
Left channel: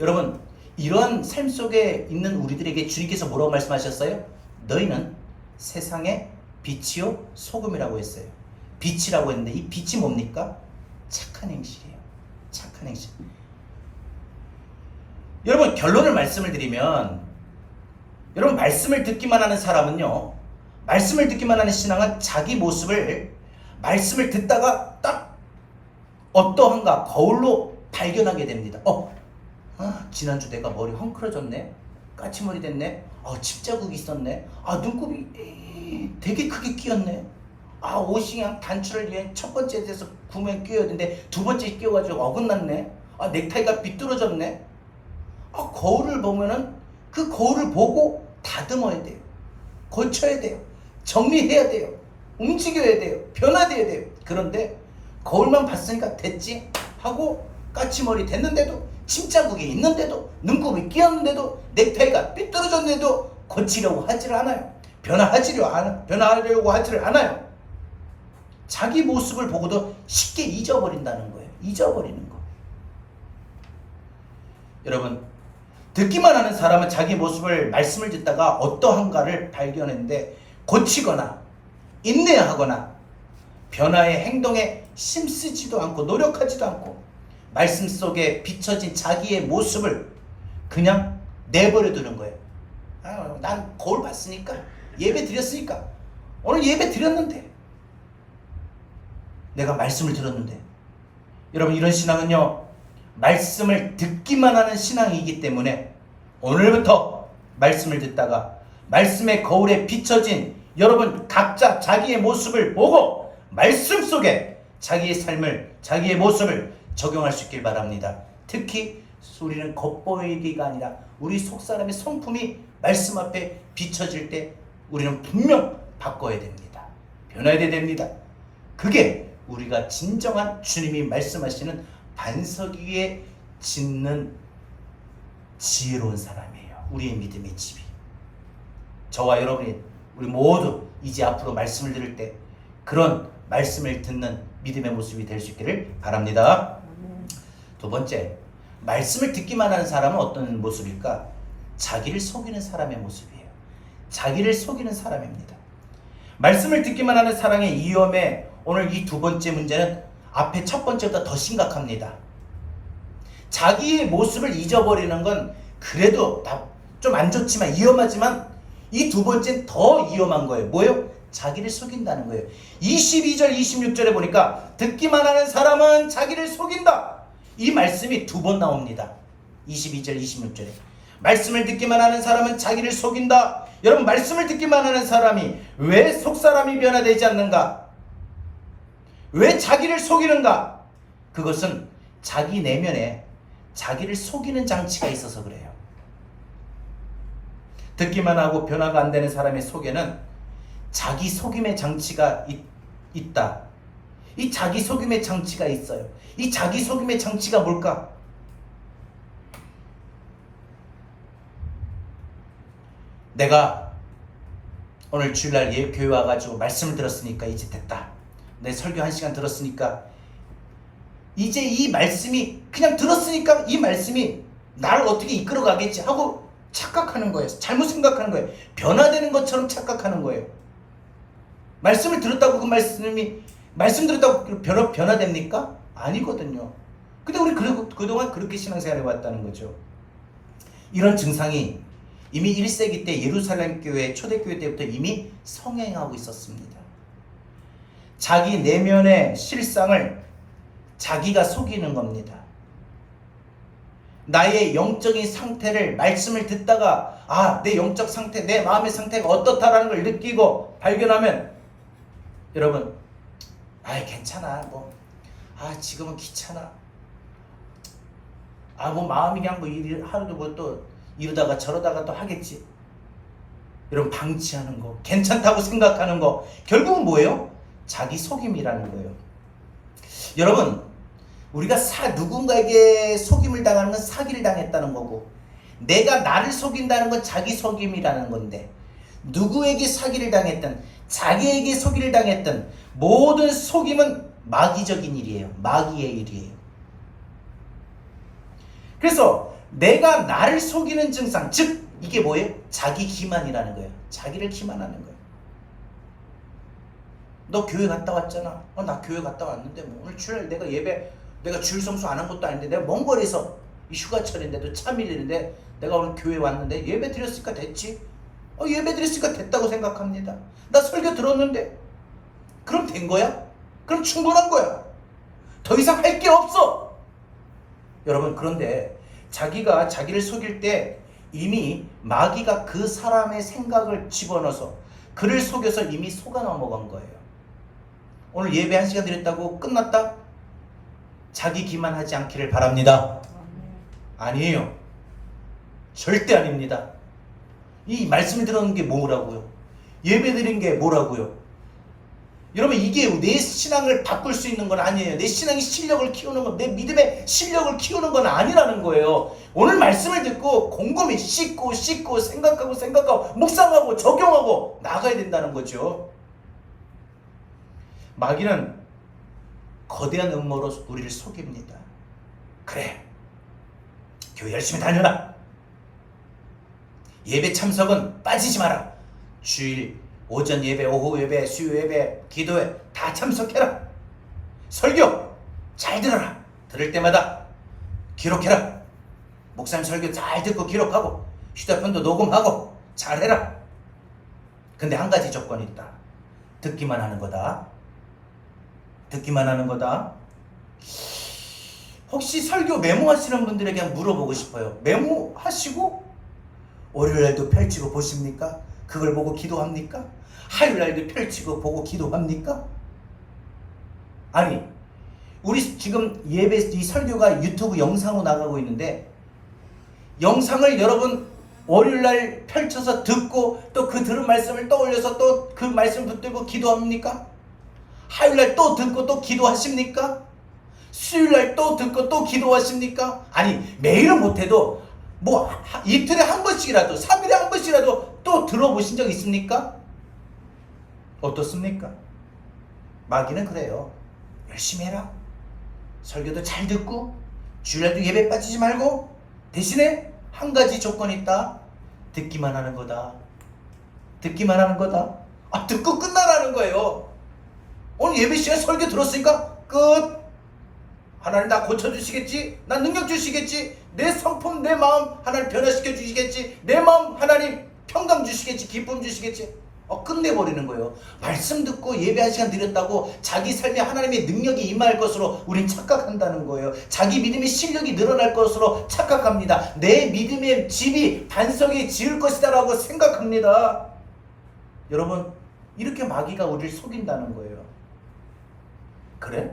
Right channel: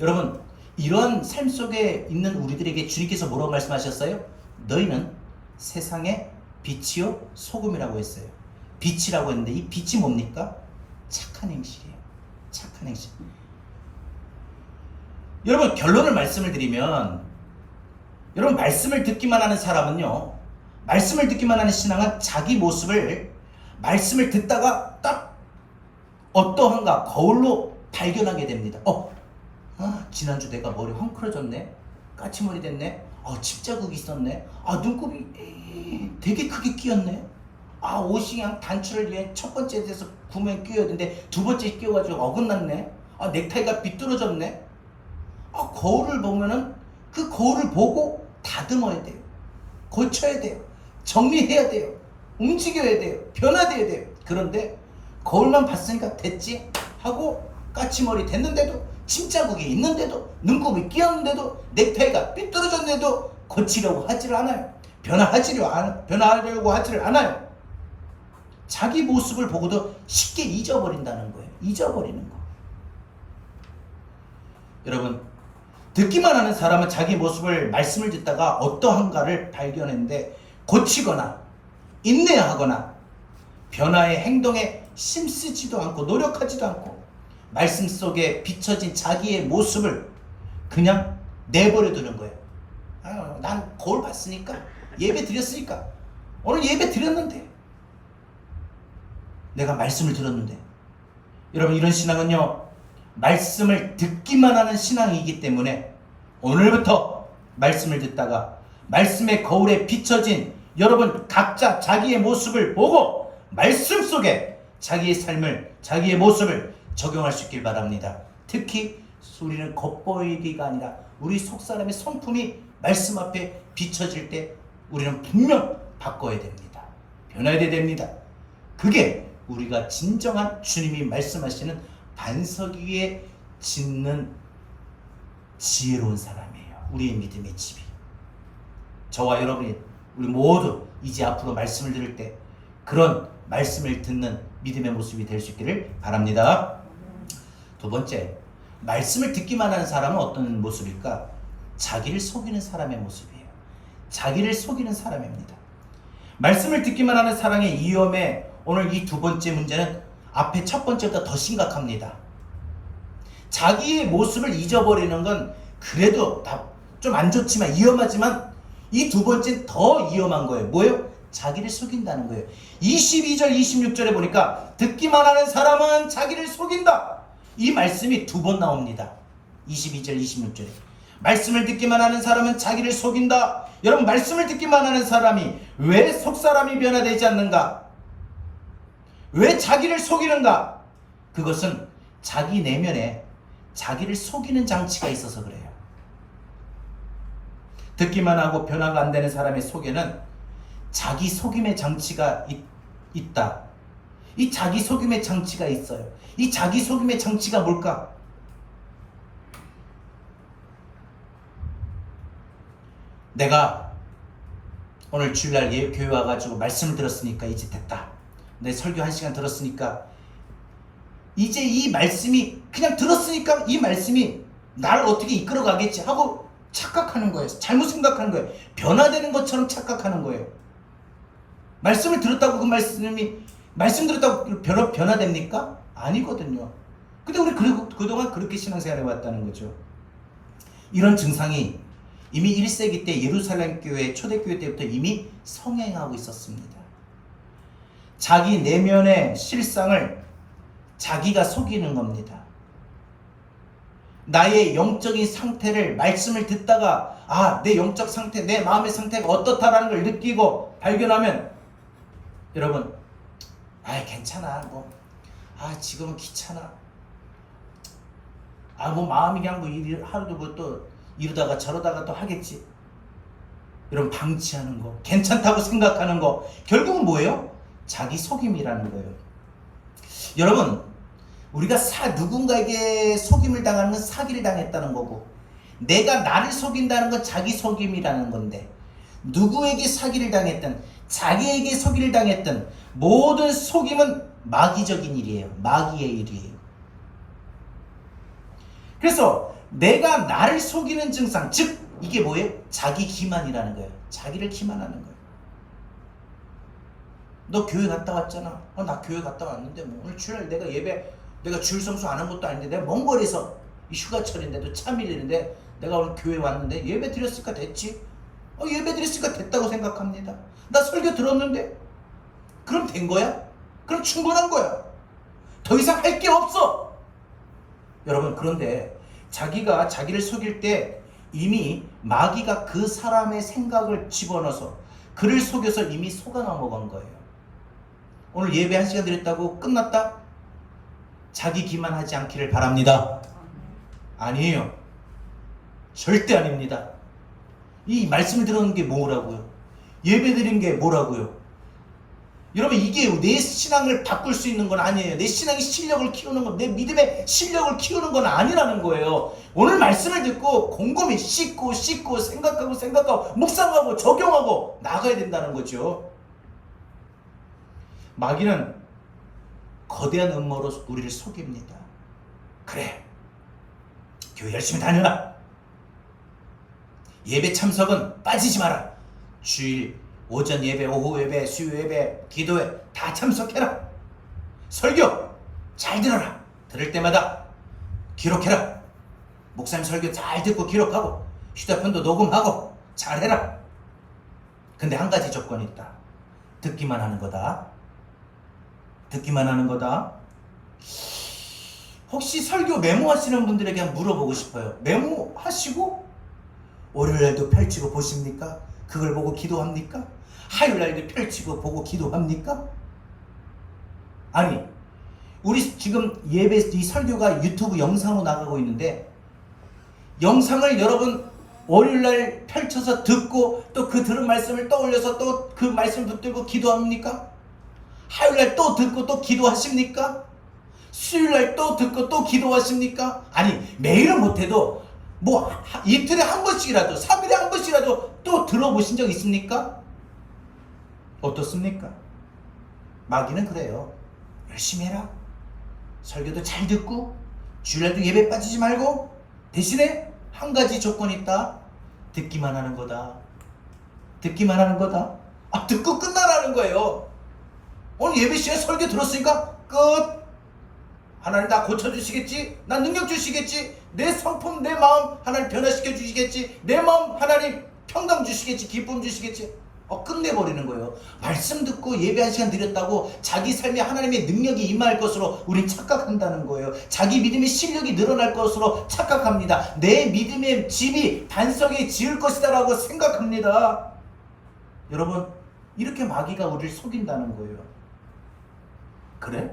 여러분, 이런 삶 속에 있는 우리들에게 주님께서 뭐라고 말씀하셨어요? 너희는 세상의 빛이요 소금이라고 했어요. 빛이라고 했는데 이 빛이 뭡니까? 착한 행실이에요. 착한 행실. 여러분, 결론을 말씀을 드리면, 여러분, 말씀을 듣기만 하는 사람은요, 말씀을 듣기만 하는 신앙은 자기 모습을 말씀을 듣다가 딱 어떠한가 거울로 발견하게 됩니다. 지난주 내가 머리 헝클어졌네, 까치머리 됐네, 집자국이 있었네, 눈곱이 되게 크게 끼었네, 옷이 그냥 단추를 위해 첫 번째 데서 구멍에 끼어야 되는데 두 번째 끼어가지고 어긋났네, 넥타이가 비뚤어졌네. 거울을 보면은 그 거울을 보고 다듬어야 돼요. 고쳐야 돼요. 정리해야 돼요. 움직여야 돼요. 변화돼야 돼요. 그런데 거울만 봤으니까 됐지 하고 까치머리 됐는데도 침자국이 있는데도 눈곱이 끼었는데도 넥타이가 삐뚤어졌는데도 고치려고 하지를 않아요. 변화하려고 하지를 않아요. 자기 모습을 보고도 쉽게 잊어버린다는 거예요. 잊어버리는 거. 여러분, 듣기만 하는 사람은 자기 모습을 말씀을 듣다가 어떠한가를 발견했는데 고치거나 인내하거나 변화의 행동에 힘쓰지도 않고 노력하지도 않고 말씀 속에 비춰진 자기의 모습을 그냥 내버려 두는 거예요. 난 거울 봤으니까, 예배 드렸으니까, 오늘 예배 드렸는데, 내가 말씀을 들었는데. 여러분, 이런 신앙은요, 말씀을 듣기만 하는 신앙이기 때문에 오늘부터 말씀을 듣다가 말씀의 거울에 비춰진 여러분 각자 자기의 모습을 보고 말씀 속에 자기의 삶을, 자기의 모습을 적용할 수 있길 바랍니다. 특히 우리는 겉보이기가 아니라 우리 속사람의 성품이 말씀 앞에 비춰질 때 우리는 분명 바꿔야 됩니다. 변해야 됩니다. 그게 우리가 진정한 주님이 말씀하시는 반석 위에 짓는 지혜로운 사람이에요. 우리의 믿음의 집이. 저와 여러분이 우리 모두 이제 앞으로 말씀을 들을 때 그런 말씀을 듣는 믿음의 모습이 될 수 있기를 바랍니다. 두 번째, 말씀을 듣기만 하는 사람은 어떤 모습일까? 자기를 속이는 사람의 모습이에요. 자기를 속이는 사람입니다. 말씀을 듣기만 하는 사람의 위험에 오늘 이 두 번째 문제는 앞에 첫 번째보다 더 심각합니다. 자기의 모습을 잊어버리는 건 그래도 좀 안 좋지만 위험하지만 이 두 번째는 더 위험한 거예요. 뭐예요? 자기를 속인다는 거예요. 22절 26절에 보니까 듣기만 하는 사람은 자기를 속인다. 이 말씀이 두 번 나옵니다. 22절 26절에 말씀을 듣기만 하는 사람은 자기를 속인다. 여러분, 말씀을 듣기만 하는 사람이 왜 속사람이 변화되지 않는가? 왜 자기를 속이는가? 그것은 자기 내면에 자기를 속이는 장치가 있어서 그래요. 듣기만 하고 변화가 안 되는 사람의 속에는 자기 속임의 장치가 있다. 이 자기 속임의 장치가 있어요. 이 자기 속임의 장치가 뭘까? 내가 오늘 주일날 교회 와가지고 말씀을 들었으니까 이제 됐다. 내 설교 1시간 들었으니까 이제 이 말씀이 그냥 들었으니까 이 말씀이 나를 어떻게 이끌어 가겠지 하고 착각하는 거예요. 잘못 생각하는 거예요. 변화되는 것처럼 착각하는 거예요. 말씀을 들었다고 그 말씀 들었다고 변화됩니까? 아니거든요. 근데 우리 그동안 그렇게 신앙생활해 왔다는 거죠. 이런 증상이 이미 1세기 때 예루살렘 교회 초대교회 때부터 이미 성행하고 있었습니다. 자기 내면의 실상을 자기가 속이는 겁니다. 나의 영적인 상태를 말씀을 듣다가 내 영적 상태, 내 마음의 상태가 어떻다라는 걸 느끼고 발견하면 여러분, 괜찮아. 지금은 귀찮아. 마음이 그냥 하루도 또 이러다가 저러다가 또 하겠지. 여러분, 방치하는 거, 괜찮다고 생각하는 거, 결국은 뭐예요? 자기 속임이라는 거예요. 여러분, 우리가 누군가에게 속임을 당하는 건 사기를 당했다는 거고, 내가 나를 속인다는 건 자기 속임이라는 건데, 누구에게 사기를 당했든 자기에게 속임을 당했든 모든 속임은 마귀적인 일이에요. 마귀의 일이에요. 그래서 내가 나를 속이는 증상, 즉 이게 뭐예요? 자기 기만이라는 거예요. 자기를 기만하는 거예요. 너 교회 갔다 왔잖아. 나 교회 갔다 왔는데 오늘 주일 내가 주일 성수 안 한 것도 아닌데 내가 먼 거리에서 이 휴가철인데도 차 밀리는데 내가 오늘 교회 왔는데 예배 드렸으니까 됐지. 예배 드렸으니까 됐다고 생각합니다. 나 설교 들었는데 그럼 된 거야? 그럼 충분한 거야. 더 이상 할 게 없어. 여러분, 그런데 자기가 자기를 속일 때 이미 마귀가 그 사람의 생각을 집어넣어서 그를 속여서 이미 속아 넘어간 거예요. 오늘 예배 1시간 드렸다고 끝났다? 자기 기만하지 않기를 바랍니다. 아니에요. 절대 아닙니다. 이 말씀을 들은 게 뭐라고요? 예배 드린 게 뭐라고요? 여러분, 이게 내 신앙을 바꿀 수 있는 건 아니에요. 내 신앙의 실력을 키우는 건, 내 믿음의 실력을 키우는 건 아니라는 거예요. 오늘 말씀을 듣고 곰곰이 씻고 생각하고 묵상하고 적용하고 나가야 된다는 거죠. 마귀는 거대한 음모로 우리를 속입니다. 그래, 교회 열심히 다녀라. 예배 참석은 빠지지 마라. 주일 오전 예배, 오후 예배, 수요 예배, 기도회 다 참석해라. 설교 잘 들어라. 들을 때마다 기록해라. 목사님 설교 잘 듣고 기록하고 휴대폰도 녹음하고 잘해라. 근데 한 가지 조건이 있다. 듣기만 하는 거다. 듣기만 하는 거다. 혹시 설교 메모하시는 분들에게 한번 물어보고 싶어요. 메모하시고 월요일날도 펼치고 보십니까? 그걸 보고 기도합니까? 화요일날도 펼치고 보고 기도합니까? 아니, 우리 지금 예배 이 설교가 유튜브 영상으로 나가고 있는데, 영상을 여러분 월요일날 펼쳐서 듣고 또 그 들은 말씀을 떠올려서 또 그 말씀 붙들고 기도합니까? 화요일날 또 듣고 또 기도하십니까? 수요일날 또 듣고 또 기도하십니까? 아니, 매일은 못해도 뭐 이틀에 한 번씩이라도, 3일에 한 번씩이라도 또 들어보신 적 있습니까? 어떻습니까? 마귀는 그래요. 열심히 해라. 설교도 잘 듣고 주일날도 예배 빠지지 말고, 대신에 한 가지 조건이 있다. 듣기만 하는 거다. 듣기만 하는 거다. 듣고 끝나라는 거예요. 오늘 예배 시간에 설교 들었으니까 끝. 하나님 나 고쳐주시겠지? 나 능력 주시겠지? 내 성품, 내 마음 하나님 변화시켜 주시겠지? 내 마음 하나님 평강 주시겠지? 기쁨 주시겠지? 끝내버리는 거예요. 말씀 듣고 예배 한 시간 드렸다고 자기 삶에 하나님의 능력이 임할 것으로 우린 착각한다는 거예요. 자기 믿음의 실력이 늘어날 것으로 착각합니다. 내 믿음의 집이 반석에 지을 것이다 라고 생각합니다. 여러분, 이렇게 마귀가 우리를 속인다는 거예요. 그래?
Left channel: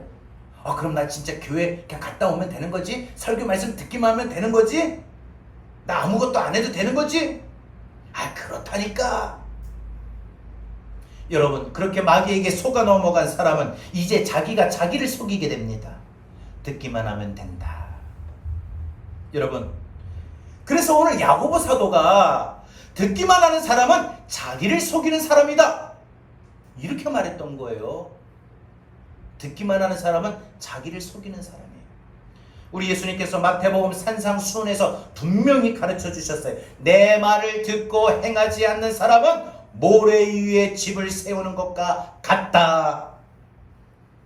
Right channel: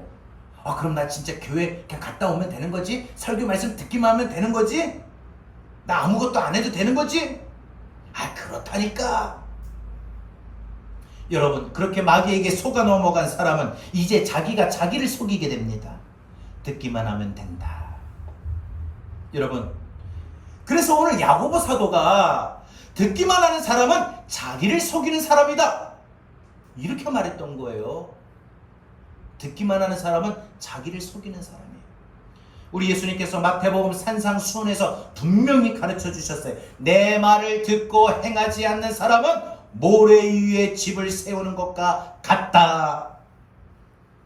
그럼 나 진짜 교회 그냥 갔다 오면 되는 거지? 설교 말씀 듣기만 하면 되는 거지? 나 아무것도 안 해도 되는 거지? 그렇다니까. 여러분, 그렇게 마귀에게 속아 넘어간 사람은 이제 자기가 자기를 속이게 됩니다. 듣기만 하면 된다. 여러분, 그래서 오늘 야고보 사도가 듣기만 하는 사람은 자기를 속이는 사람이다, 이렇게 말했던 거예요. 듣기만 하는 사람은 자기를 속이는 사람이에요. 우리 예수님께서 마태복음 산상수훈에서 분명히 가르쳐 주셨어요. 내 말을 듣고 행하지 않는 사람은 모래 위에 집을 세우는 것과 같다.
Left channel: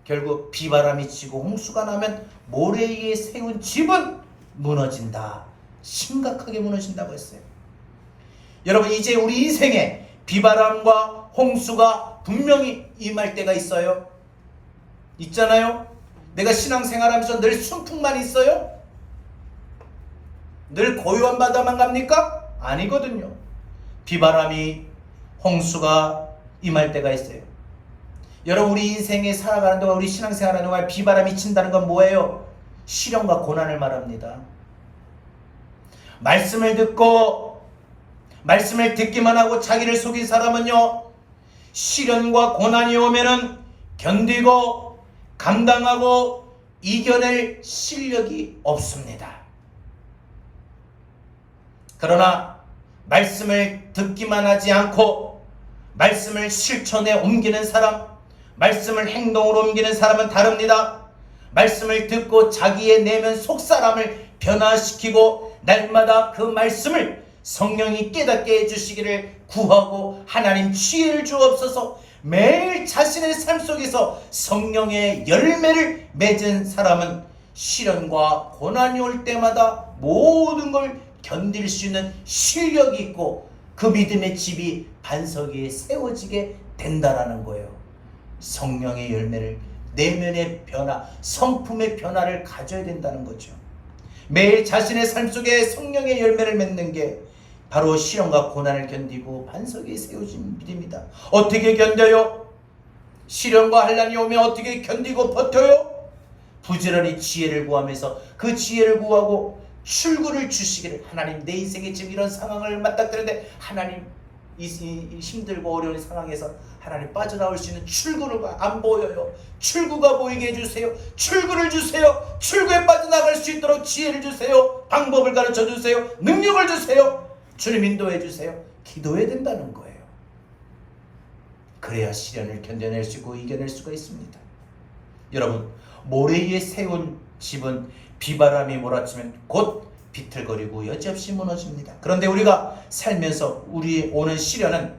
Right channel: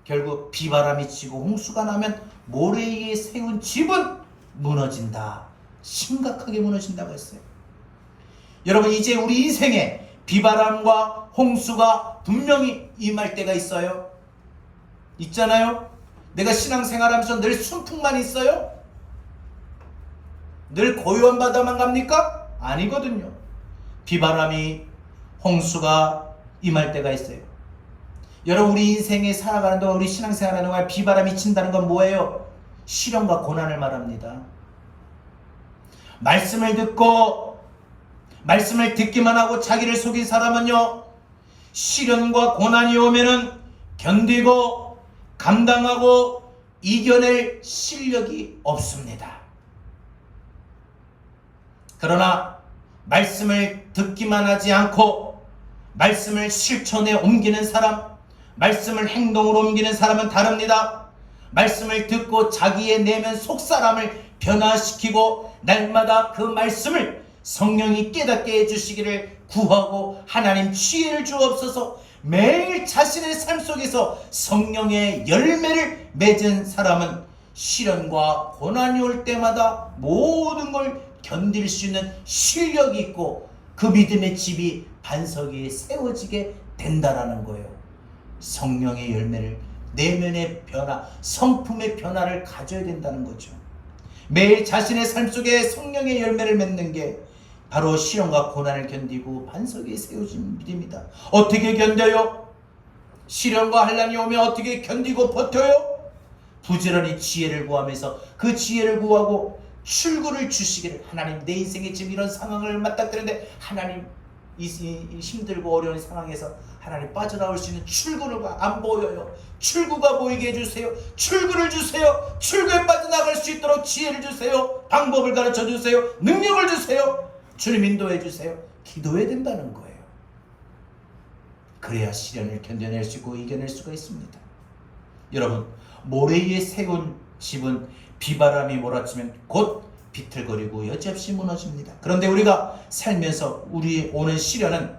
결국 비바람이 치고 홍수가 나면 모래 위에 세운 집은 무너진다. 심각하게 무너진다고 했어요. 여러분, 이제 우리 인생에 비바람과 홍수가 분명히 임할 때가 있어요. 있잖아요. 내가 신앙생활하면서 늘 순풍만 있어요? 늘 고요한 바다만 갑니까? 아니거든요. 비바람이, 홍수가 임할 때가 있어요. 여러분, 우리 인생에 살아가는 동안, 우리 신앙생활하는 동안 비바람이 친다는 건 뭐예요? 시련과 고난을 말합니다. 말씀을 듣고 말씀을 듣기만 하고 자기를 속인 사람은요, 시련과 고난이 오면은 견디고 감당하고 이겨낼 실력이 없습니다. 그러나 말씀을 듣기만 하지 않고 말씀을 실천에 옮기는 사람, 말씀을 행동으로 옮기는 사람은 다릅니다. 말씀을 듣고 자기의 내면 속사람을 변화시키고 날마다 그 말씀을 성령이 깨닫게 해주시기를 구하고 하나님 지혜를 주옵소서. 매일 자신의 삶 속에서 성령의 열매를 맺은 사람은 시련과 고난이 올 때마다 모든 걸 견딜 수 있는 실력이 있고 그 믿음의 집이 반석 위에 세워지게 된다라는 거예요. 성령의 열매를, 내면의 변화, 성품의 변화를 가져야 된다는 거죠. 매일 자신의 삶 속에 성령의 열매를 맺는 게 바로 시련과 고난을 견디고 반석 위에 세워진 믿음이다. 어떻게 견뎌요? 시련과 환난이 오면 어떻게 견디고 버텨요? 부지런히 지혜를 구하면서 그 지혜를 구하고 출구를 주시기를. 하나님, 내 인생에 지금 이런 상황을 맞닥뜨리는데 하나님, 이 힘들고 어려운 상황에서 하나님 빠져나올 수 있는 출구가 안 보여요. 출구가 보이게 해주세요. 출구를 주세요. 출구에 빠져나갈 수 있도록 지혜를 주세요. 방법을 가르쳐 주세요. 능력을 주세요. 주님 인도해 주세요. 기도해야 된다는 거예요. 그래야 시련을 견뎌낼 수 있고 이겨낼 수가 있습니다. 여러분, 모래 위에 세운 집은 비바람이 몰아치면 곧 비틀거리고 여지없이 무너집니다. 그런데 우리가 살면서 우리 오는 시련은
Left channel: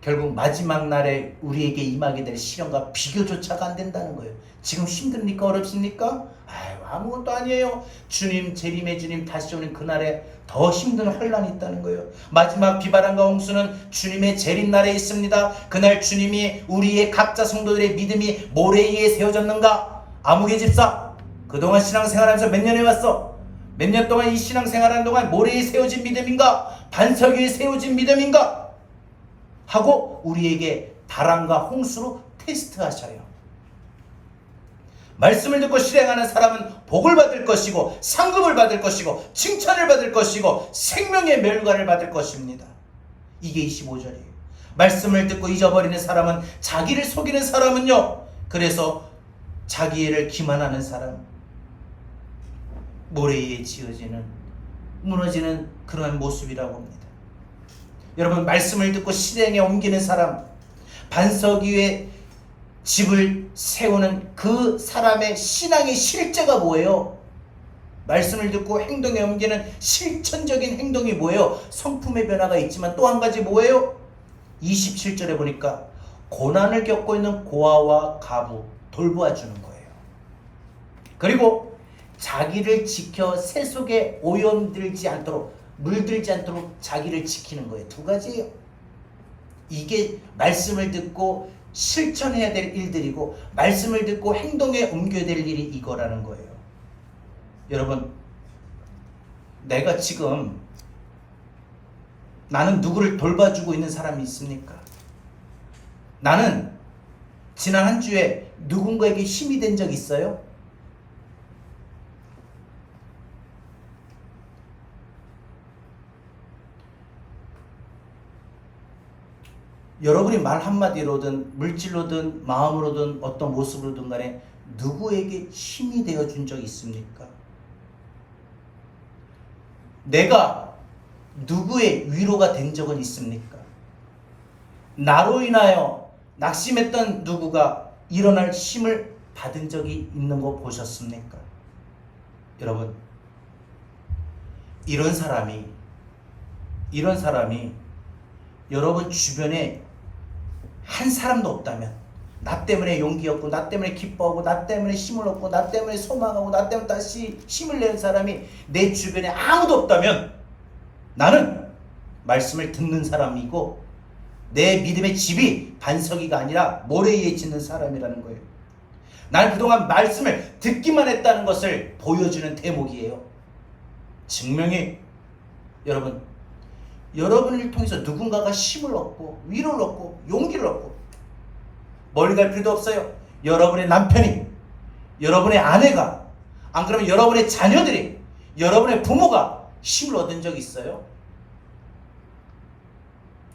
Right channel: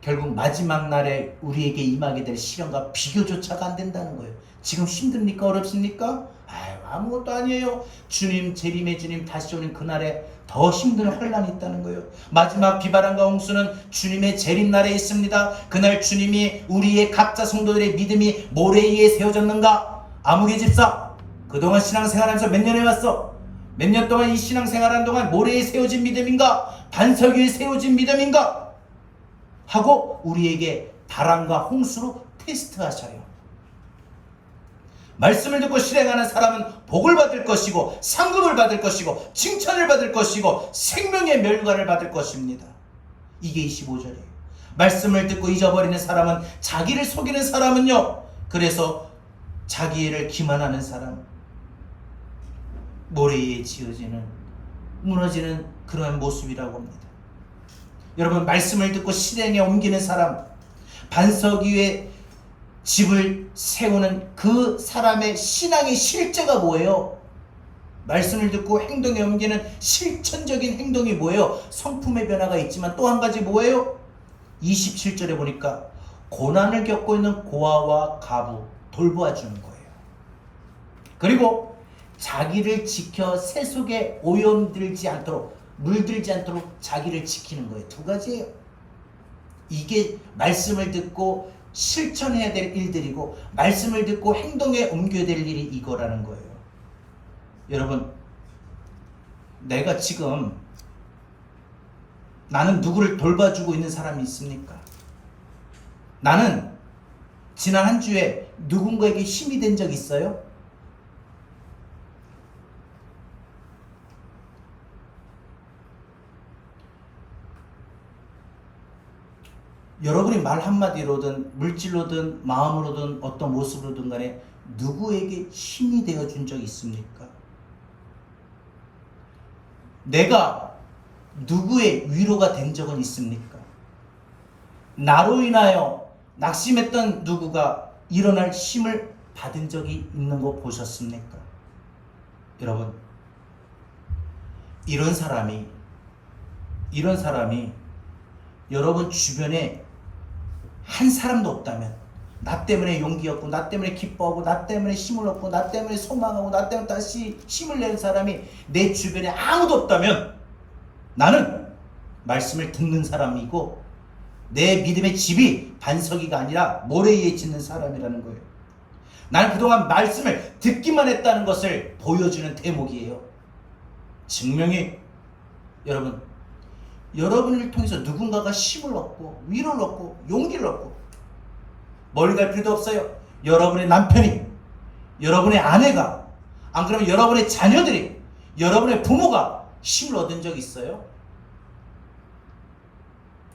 결국 마지막 날에 우리에게 임하게 될 시련과 비교조차가 안 된다는 거예요. 지금 힘듭니까? 어렵습니까? 아무것도 아니에요. 주님, 재림의 주님 다시 오는 그날에 더 힘든 환란이 있다는 거예요. 마지막 비바람과 홍수는 주님의 재림날에 있습니다. 그날 주님이 우리의 각자 성도들의 믿음이 모래 위에 세워졌는가? 아무개 집사, 그동안 신앙생활하면서 몇 년 해왔어? 몇 년 동안 이 신앙생활하는 동안 모래 위에 세워진 믿음인가? 반석 위에 세워진 믿음인가? 하고 우리에게 바람과 홍수로 테스트하셔요. 말씀을 듣고 실행하는 사람은 복을 받을 것이고 상급을 받을 것이고 칭찬을 받을 것이고 생명의 멸관을 받을 것입니다. 이게 25절이에요. 말씀을 듣고 잊어버리는 사람은, 자기를 속이는 사람은요, 그래서 자기를 기만하는 사람, 모래 위에 지어지는, 무너지는 그런 모습이라고 합니다. 여러분, 말씀을 듣고 실행에 옮기는 사람, 반석 위에 집을 세우는 그 사람의 신앙의 실제가 뭐예요? 말씀을 듣고 행동에 옮기는 실천적인 행동이 뭐예요? 성품의 변화가 있지만 또 한 가지 뭐예요? 27절에 보니까 고난을 겪고 있는 고아와 가부 돌보아주는 거예요. 그리고 자기를 지켜 새 속에 오염들지 않도록, 물들지 않도록 자기를 지키는 거예요. 두 가지예요. 이게 말씀을 듣고 실천해야 될 일들이고, 말씀을 듣고 행동에 옮겨야 될 일이 이거라는 거예요. 여러분, 내가 지금 나는 누구를 돌봐주고 있는 사람이 있습니까? 나는 지난 한 주에 누군가에게 힘이 된 적 있어요? 여러분이 말 한마디로든 물질로든 마음으로든 어떤 모습으로든 간에 누구에게 힘이 되어준 적 있습니까? 내가 누구의 위로가 된 적은 있습니까? 나로 인하여 낙심했던 누구가 일어날 힘을 받은 적이 있는 거 보셨습니까? 여러분, 이런 사람이 여러분 주변에 한 사람도 없다면, 나 때문에 용기 얻고, 나 때문에 기뻐하고, 나 때문에 힘을 얻고, 나 때문에 소망하고, 나 때문에 다시 힘을 내는 사람이 내 주변에 아무도 없다면, 나는 말씀을 듣는 사람이고 내 믿음의 집이 반석이가 아니라 모래 위에 짓는 사람이라는 거예요. 나는 그동안 말씀을 듣기만 했다는 것을 보여주는 대목이에요. 증명이, 여러분을 통해서 누군가가 힘을 얻고 위로를 얻고 용기를 얻고, 멀리 갈 필요도 없어요. 여러분의 남편이, 여러분의 아내가, 안 그러면 여러분의 자녀들이, 여러분의 부모가 힘을 얻은 적 있어요?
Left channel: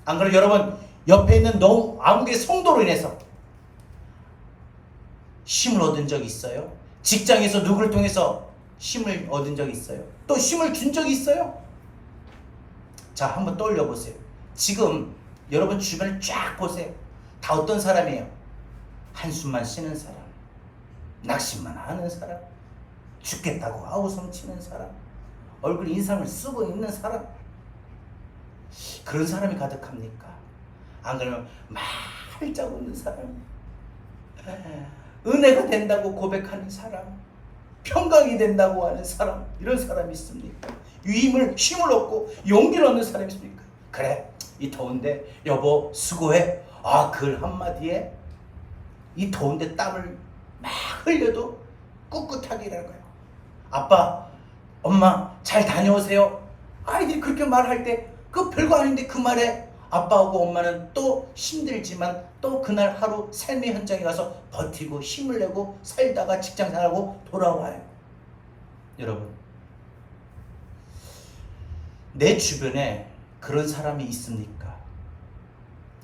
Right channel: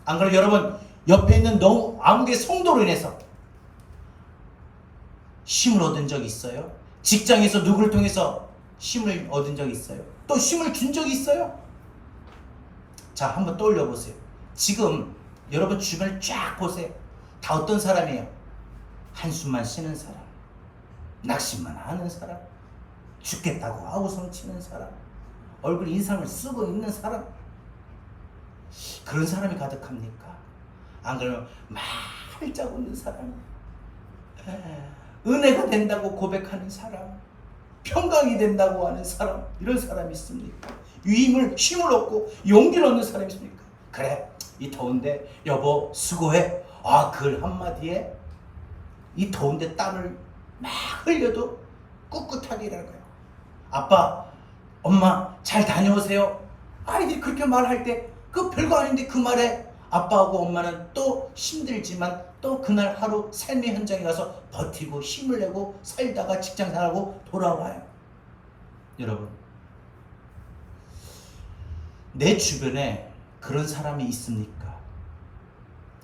안 그러면 여러분 옆에 있는 너무 아무개 성도로 인해서 힘을 얻은 적 있어요? 직장에서 누구를 통해서 힘을 얻은 적 있어요? 또 힘을 준 적이 있어요? 자, 한번 떠올려 보세요. 지금 여러분 주변을 쫙 보세요. 다 어떤 사람이에요? 한숨만 쉬는 사람, 낙심만 하는 사람, 죽겠다고 아우성 치는 사람, 얼굴 인상을 쓰고 있는 사람, 그런 사람이 가득합니까? 안 그러면 활짝 웃는 사람, 은혜가 된다고 고백하는 사람, 평강이 된다고 하는 사람, 이런 사람이 있습니까? 힘을 얻고 용기를 얻는 사람이 있습니까? 그래, 이 더운데 여보 수고해, 글 한마디에 이 더운데 땀을 막 흘려도 꿋꿋하게 일하는 거예요. 아빠, 엄마 잘 다녀오세요. 아이들이 그렇게 말할 때 그 별거 아닌데 그 말에 아빠하고 엄마는 또 힘들지만 또 그날 하루 삶의 현장에 가서 버티고 힘을 내고 살다가 직장 생활하고 돌아와요. 여러분, 내 주변에 그런 사람이 있습니까?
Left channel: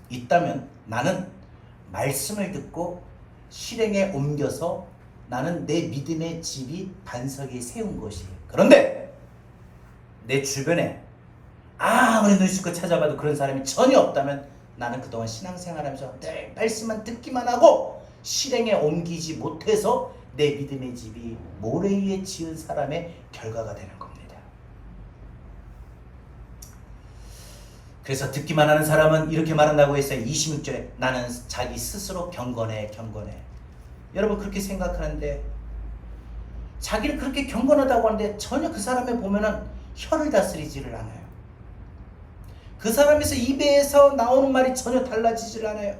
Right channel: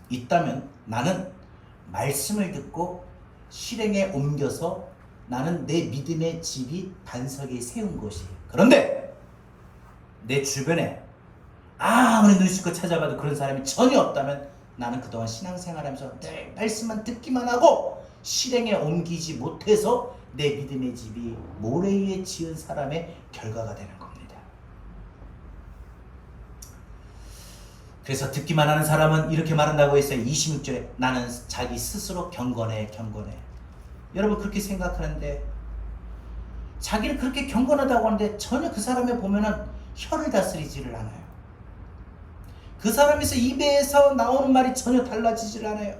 있다면 나는 말씀을 듣고 실행에 옮겨서 나는 내 믿음의 집이 반석에 세운 것이에요. 그런데 내 주변에 아무리 눈씻고 찾아봐도 그런 사람이 전혀 없다면 나는 그동안 신앙생활하면서 늘 말씀만 듣기만 하고 실행에 옮기지 못해서 내 믿음의 집이 모래 위에 지은 사람의 결과가 되는 겁니다. 그래서 듣기만 하는 사람은 이렇게 말한다고 했어요. 26절에 나는 자기 스스로 경건해. 여러분 그렇게 생각하는데 자기를 그렇게 경건하다고 하는데 전혀 그 사람에 보면은 혀를 다스리지를 않아요. 그 사람에서 입에서 나오는 말이 전혀 달라지질 않아요.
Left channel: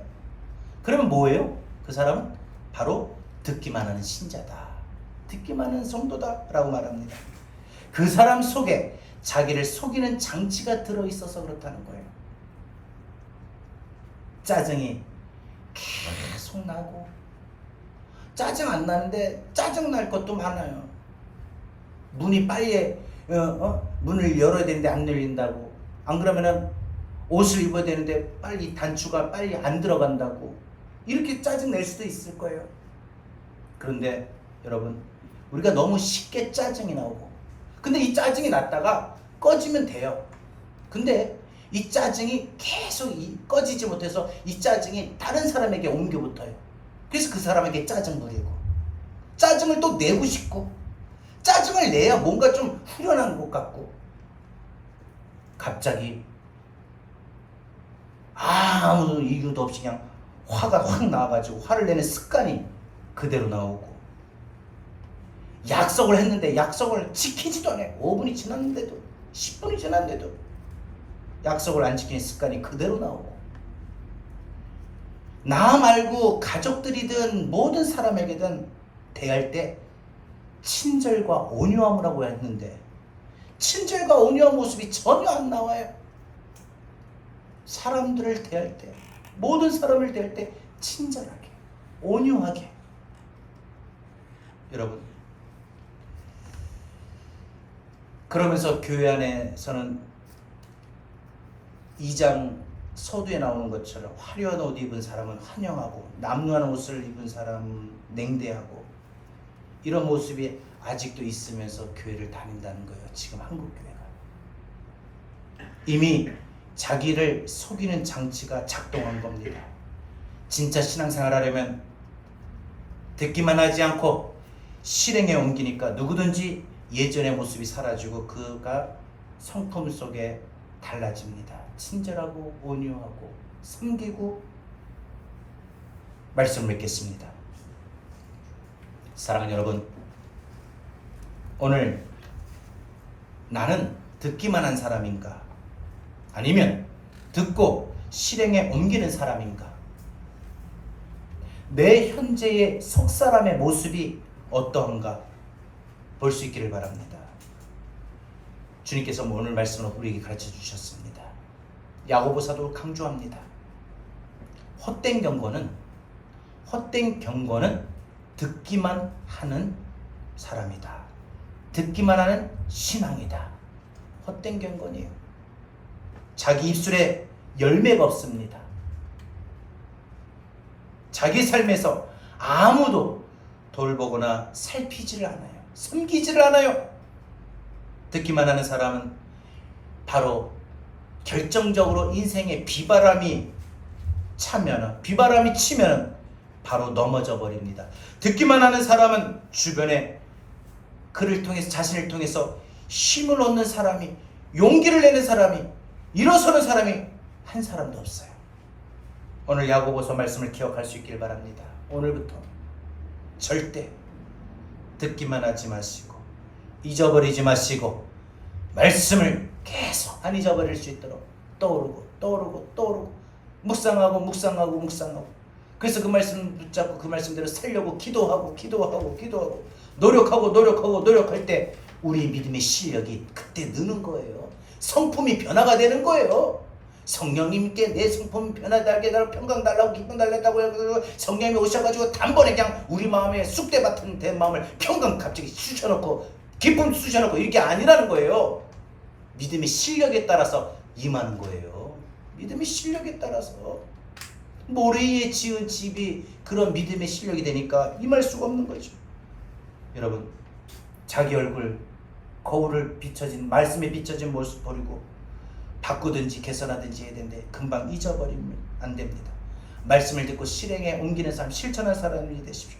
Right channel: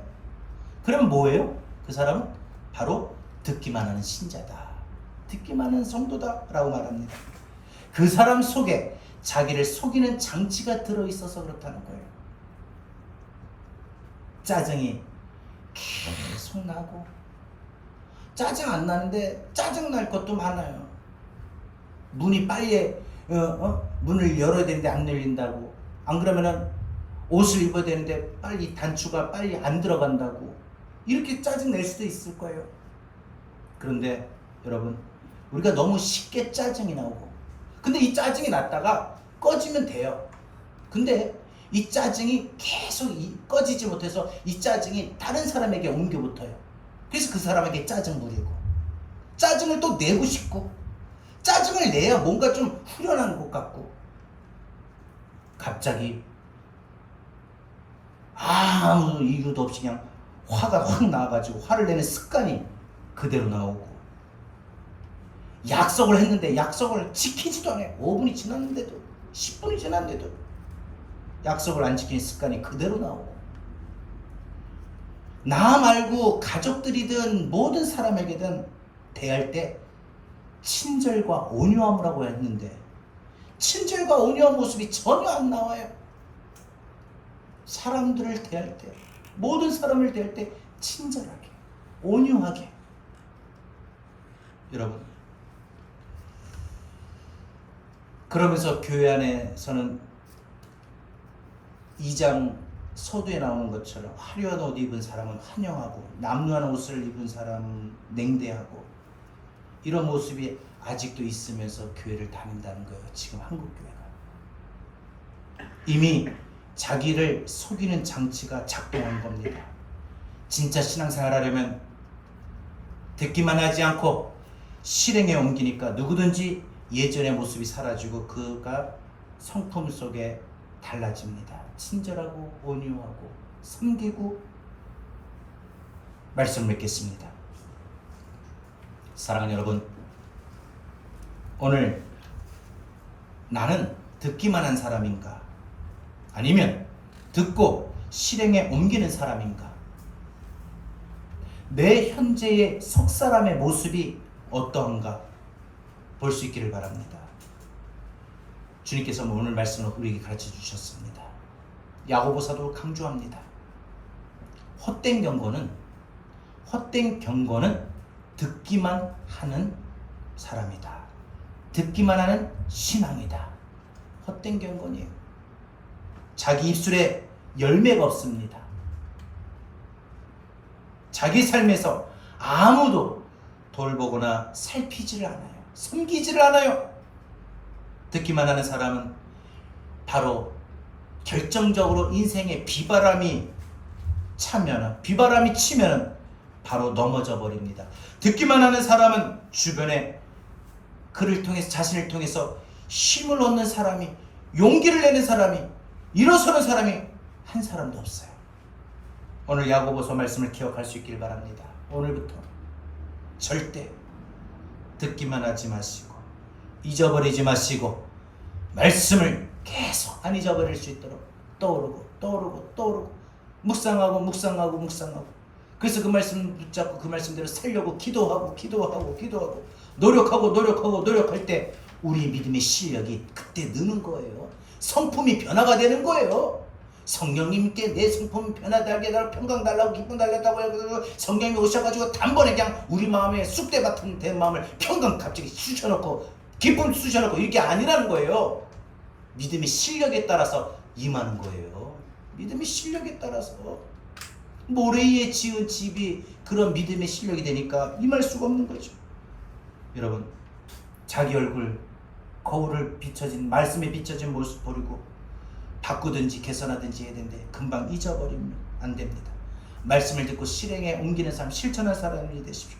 그러면 뭐예요? 그 사람은 바로 듣기만 하는 신자다. 듣기만 하는 성도다 라고 말합니다. 그 사람 속에 자기를 속이는 장치가 들어있어서 그렇다는 거예요. 짜증이 계속 나고 짜증 안 나는데 짜증 날 것도 많아요. 문이 빨리 문을 열어야 되는데 안 열린다고, 안 그러면은 옷을 입어야 되는데 빨리 단추가 빨리 안 들어간다고, 이렇게 짜증 낼 수도 있을 거예요. 그런데 여러분 우리가 너무 쉽게 짜증이 나오고, 근데 이 짜증이 났다가 꺼지면 돼요. 근데 이 짜증이 계속 꺼지지 못해서 이 짜증이 다른 사람에게 옮겨 붙어요. 그래서 그 사람에게 짜증 부리고 짜증을 또 내고 싶고, 짜증을 내야 뭔가 좀 후련한 것 같고, 갑자기 아무 이유도 없이 그냥 화가 확 나가지고 화를 내는 습관이 그대로 나오고, 약속을 했는데 약속을 지키지도 않아요. 5분이 지났는데도 10분이 지났는데도 약속을 안 지키는 습관이 그대로 나오고, 나 말고 가족들이든 모든 사람에게든 대할 때 친절과 온유함이라고 했는데 친절과 온유한 모습이 전혀 안 나와요. 사람들을 대할 때, 모든 사람을 대할 때 친절하게, 온유하게. 여러분, 그러면서 교회 안에서는 2장 서두에 나오는 것처럼 화려한 옷 입은 사람은 환영하고 남루한 옷을 입은 사람은 냉대하고, 이런 모습이 아직도 있으면서 교회를 다닌다는 거예요. 지금 한국교회가 이미 자기를 속이는 장치가 작동한 겁니다. 진짜 신앙생활 하려면 듣기만 하지 않고 실행에 옮기니까 누구든지 예전의 모습이 사라지고 그가 성품 속에 달라집니다. 친절하고 온유하고 섬기고. 말씀 맺겠습니다. 사랑하는 여러분, 오늘 나는 듣기만 한 사람인가, 아니면 듣고 실행에 옮기는 사람인가? 내 현재의 속 사람의 모습이 어떠한가 볼 수 있기를 바랍니다. 주님께서 오늘 말씀을 우리에게 가르쳐 주셨습니다. 야고보 사도 강조합니다. 헛된 경건은 듣기만 하는 사람이다. 듣기만 하는 신앙이다. 헛된 경건이에요. 자기 입술에 열매가 없습니다. 자기 삶에서 아무도 돌보거나 살피지를 않아요. 섬기지를 않아요. 듣기만 하는 사람은 바로 결정적으로 인생에 비바람이 치면 바로 넘어져 버립니다. 듣기만 하는 사람은 주변에 그를 통해서, 자신을 통해서 힘을 얻는 사람이, 용기를 내는 사람이, 일어서는 사람이 한 사람도 없어요. 오늘 야고보서 말씀을 기억할 수 있길 바랍니다. 오늘부터 절대 듣기만 하지 마시고 잊어버리지 마시고 말씀을 계속 안 잊어버릴 수 있도록 떠오르고 묵상하고 그래서 그 말씀 붙잡고 그 말씀대로 살려고 기도하고 노력할 때 우리 믿음의 실력이 그때 느는 거예요. 성품이 변화가 되는 거예요. 성령님께 내 성품이 변화되게 달라고 평강 달라고 기쁨 달라고 해서 성령님이 오셔가지고 단번에 그냥 우리 마음에 쑥대 같은 된 마음을 평강 갑자기 쑤셔놓고 기쁨 쑤셔놓고 이게 아니라는 거예요. 믿음의 실력에 따라서 임하는 거예요. 믿음의 실력에 따라서 모래 위에 지은 집이 그런 믿음의 실력이 되니까 임할 수가 없는 거죠. 여러분, 자기 얼굴, 거울을 비춰진, 말씀에 비춰진 모습 버리고 바꾸든지 개선하든지 해야 되는데 금방 잊어버리면 안 됩니다. 말씀을 듣고 실행에 옮기는 사람, 실천하는 사람이 되십시오.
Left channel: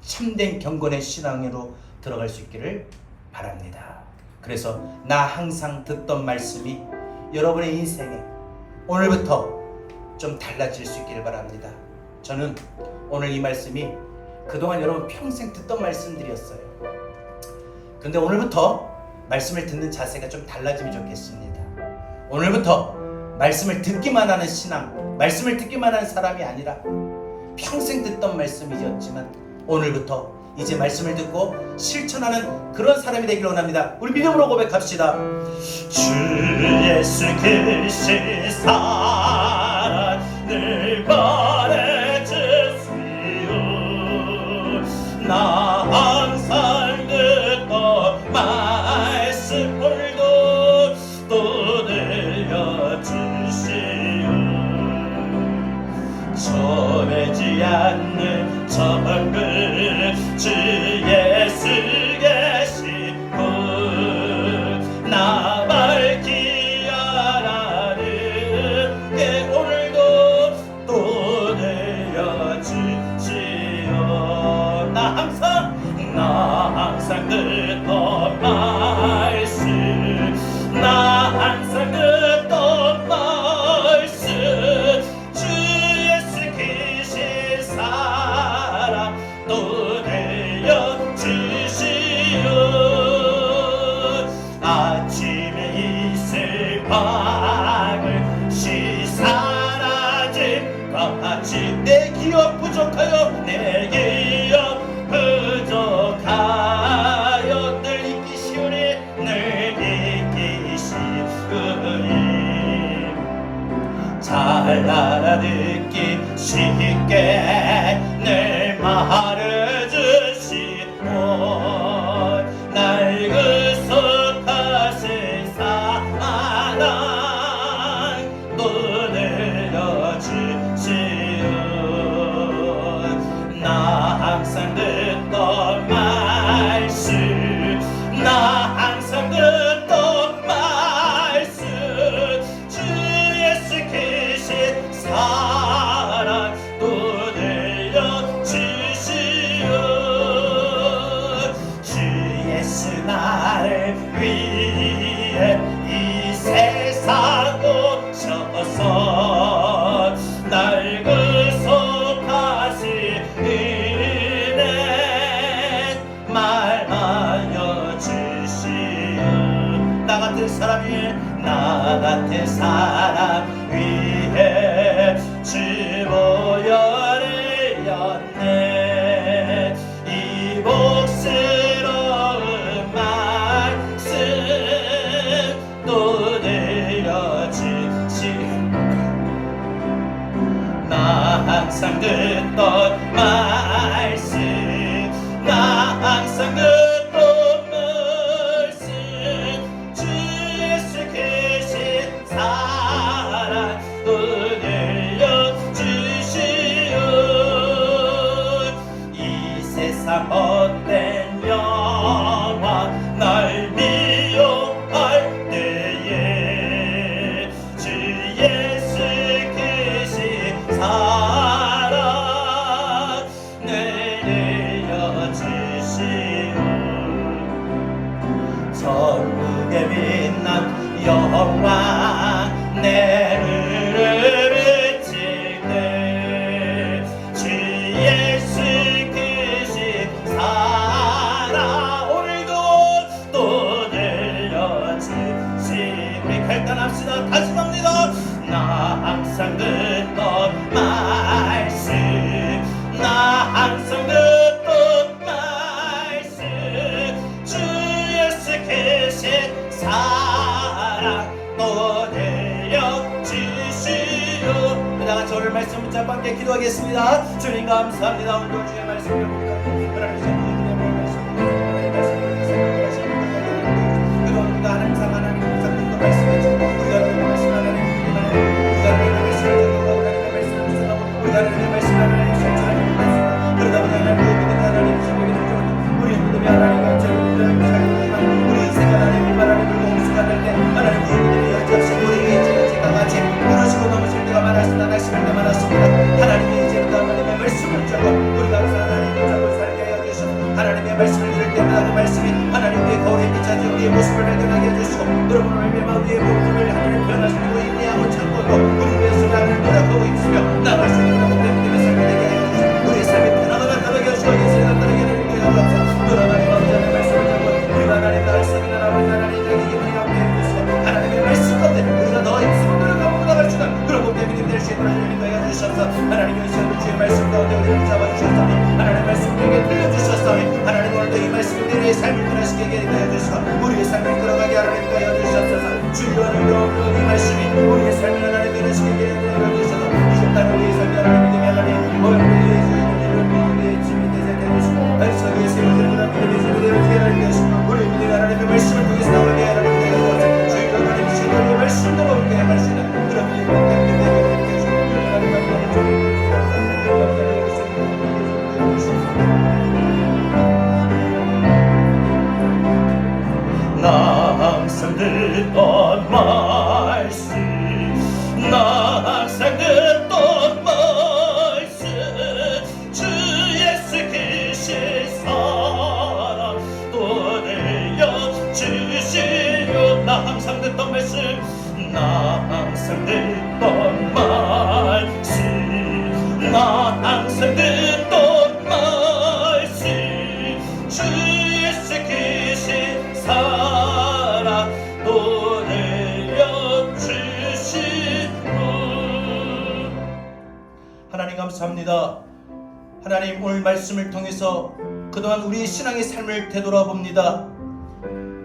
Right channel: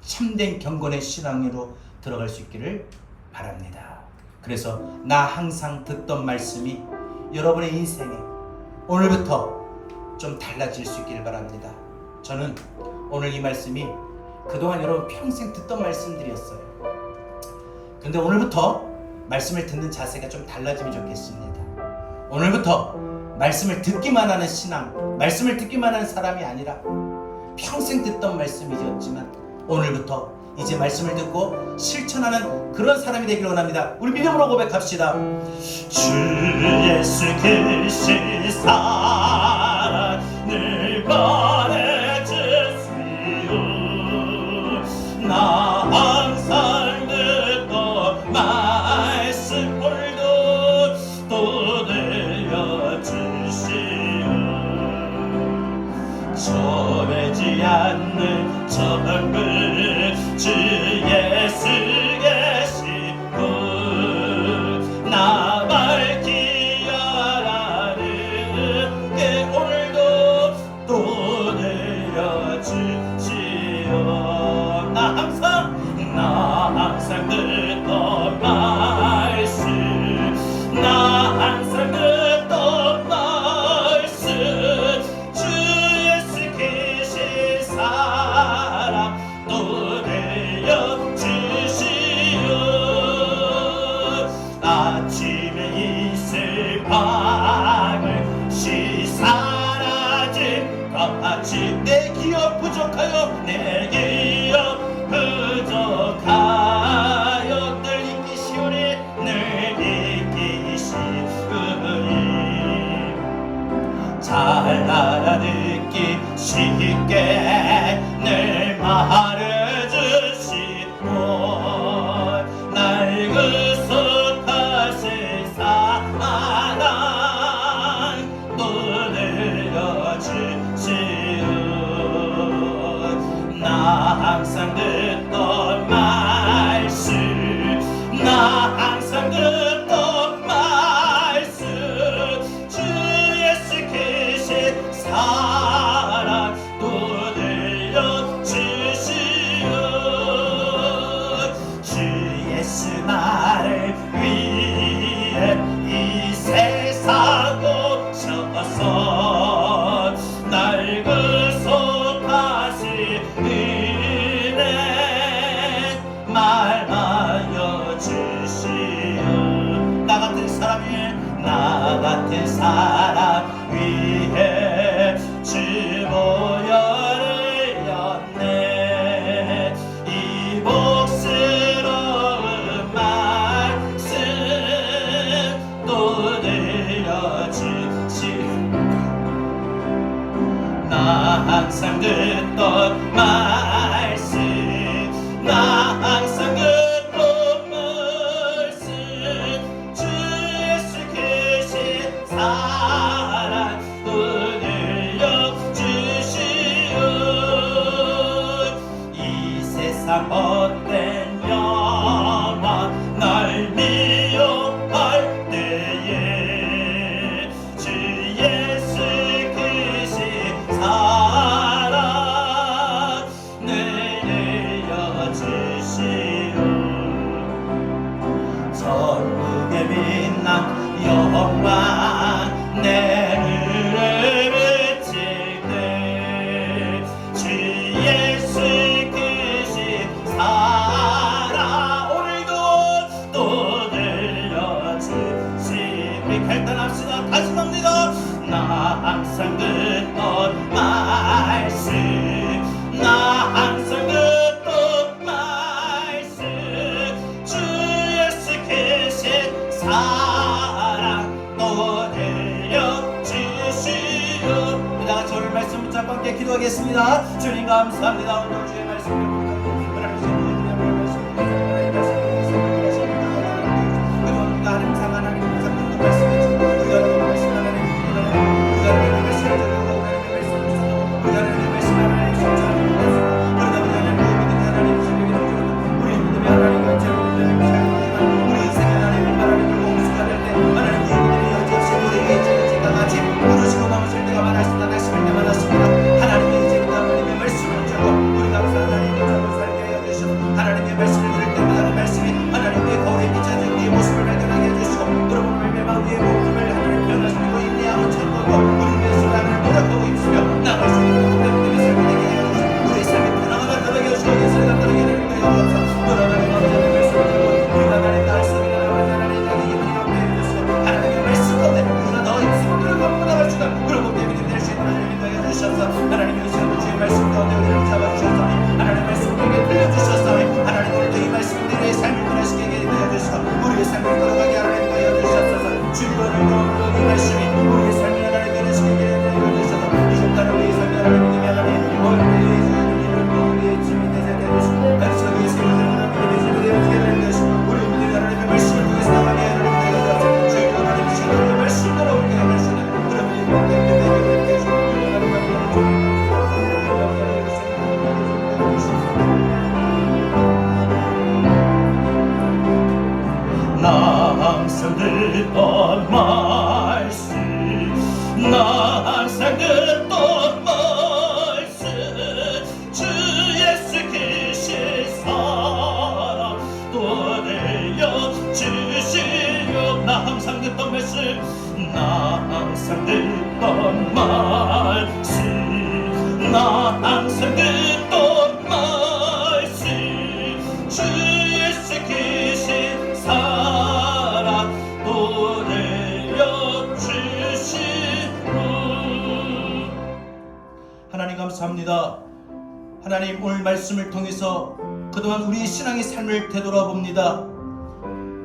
참된 경건의 신앙으로 들어갈 수 있기를 바랍니다. 그래서 나 항상 듣던 말씀이 여러분의 인생에 오늘부터 좀 달라질 수 있기를 바랍니다. 저는 오늘 이 말씀이 그동안 여러분 평생 듣던 말씀들이었어요. 근데 오늘부터 말씀을 듣는 자세가 좀 달라지면 좋겠습니다. 오늘부터 말씀을 듣기만 하는 신앙, 말씀을 듣기만 하는 사람이 아니라 평생 듣던 말씀이었지만 오늘부터 이제 말씀을 듣고 실천하는 그런 사람이 되기를 원합니다. 우리 믿음으로 고백합시다. 주 예수 그리스도의 사랑을 말해주시오. 나 항상 듣던 말씀 오늘도 또 들려주시오. 전하지 않는 정글 주 예수 계시고 나 밝히 알아는 게 오늘도 또 내려주시오. 나 항상 듣던 말씀, 나 항상 듣던 말씀, 주 예수 계신 사랑 또 내려주시오. 아침에 있을 밤을 시 사라진 것 같이 내 기억 부족하여 내 기억 부족하여 늘 잊기 쉬우니 늘 잊기 쉬우니 잘 알아듣기 쉽게 늘 말해주시고 날 구속하신 사랑 또 내려주시오. 나 항상 듣던 말씀, 나 항상 듣던 말씀, 주 예수 계신 사랑 또 내려주시오. 주 예수 나를 위해 이 세상 오셔서 날 구속하신 은혜 말하여 주시오. 나 같은 사람 위해 주 보혈을 였네. 이 복스러운 말씀 또 내려주시오. 나 항상 듣던 말씀, 나 항상 듣던 말씀, 주 예수 계신 사랑 또 내려주시오. 이 세상 헛된 영광 날 미워할 때에 주 예수 계신 사랑 내려주시오. 천국의 빛난 영광 내 눈을 비칠 때 주 예수 계신 사랑 오늘도 또 내려주시. 우리 갈단합시다. 다시 합니다. 나 항상 듣던 말씀, 나 항상 듣던 말씀, 주 예수 계신 사랑 또 내려주시오. 우리 다같이 오늘 말씀 붙잡고 함께 기도하겠습니다. 주님 감사합니다. 오늘 주의 말씀을 하나님 상하나님 붙잡아주셨사오니 하나님의 말씀을 우리에게 들려주셨사오니 하나님 오늘도 이 말씀을 우리의 삶을 변화시키게 되어주시고 우리의 삶을 끌어가게 하나님 되어주셨소서. 주여 오늘도 이 말씀이 우리의 삶을 하나님 변화시키게 되어주셔서 이제 따라 우리의 삶을 하나님 믿음이 하나님 우리의 짐이 되어주시고 말씀이 세우는 하나님 믿음의 짐이 되어주시고 우리 믿음이 하나님의 말씀을 통해서 나가게 하나님 되어주셔서 주여 하나님 주의 말씀대로 우리에게 하시는 그런 믿음의 나 항상 듣던 말씀 나 항상 듣던 말씀 주 예수 그리스도의 사랑 또 들려주시오. 나 항상 듣던 말씀 나 항상 듣던 말씀 나 항상 듣던 말씀 주 예수 그리스도의 사랑 또 들려주시오. 하나님 감사합니다. 하나님 오늘 말씀을 통해서 그동안 우리의 신앙의 삶을 되돌아봅니다.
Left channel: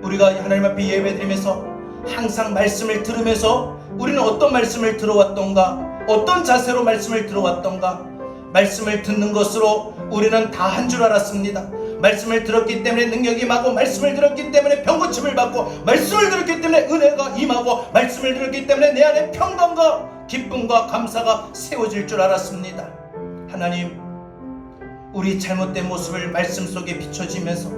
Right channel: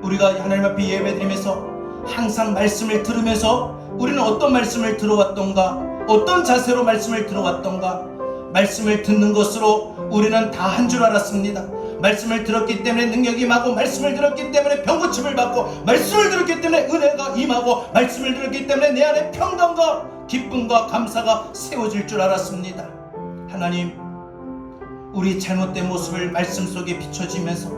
우리가 하나님 앞에 예배드리면서 항상 말씀을 들으면서 우리는 어떤 말씀을 들어왔던가 어떤 자세로 말씀을 들어왔던가 말씀을 듣는 것으로 우리는 다 한 줄 알았습니다. 말씀을 들었기 때문에 능력이 임하고 말씀을 들었기 때문에 병고침을 받고 말씀을 들었기 때문에 은혜가 임하고 말씀을 들었기 때문에 내 안에 평강과 기쁨과 감사가 세워질 줄 알았습니다. 하나님 우리 잘못된 모습을 말씀 속에 비춰지면서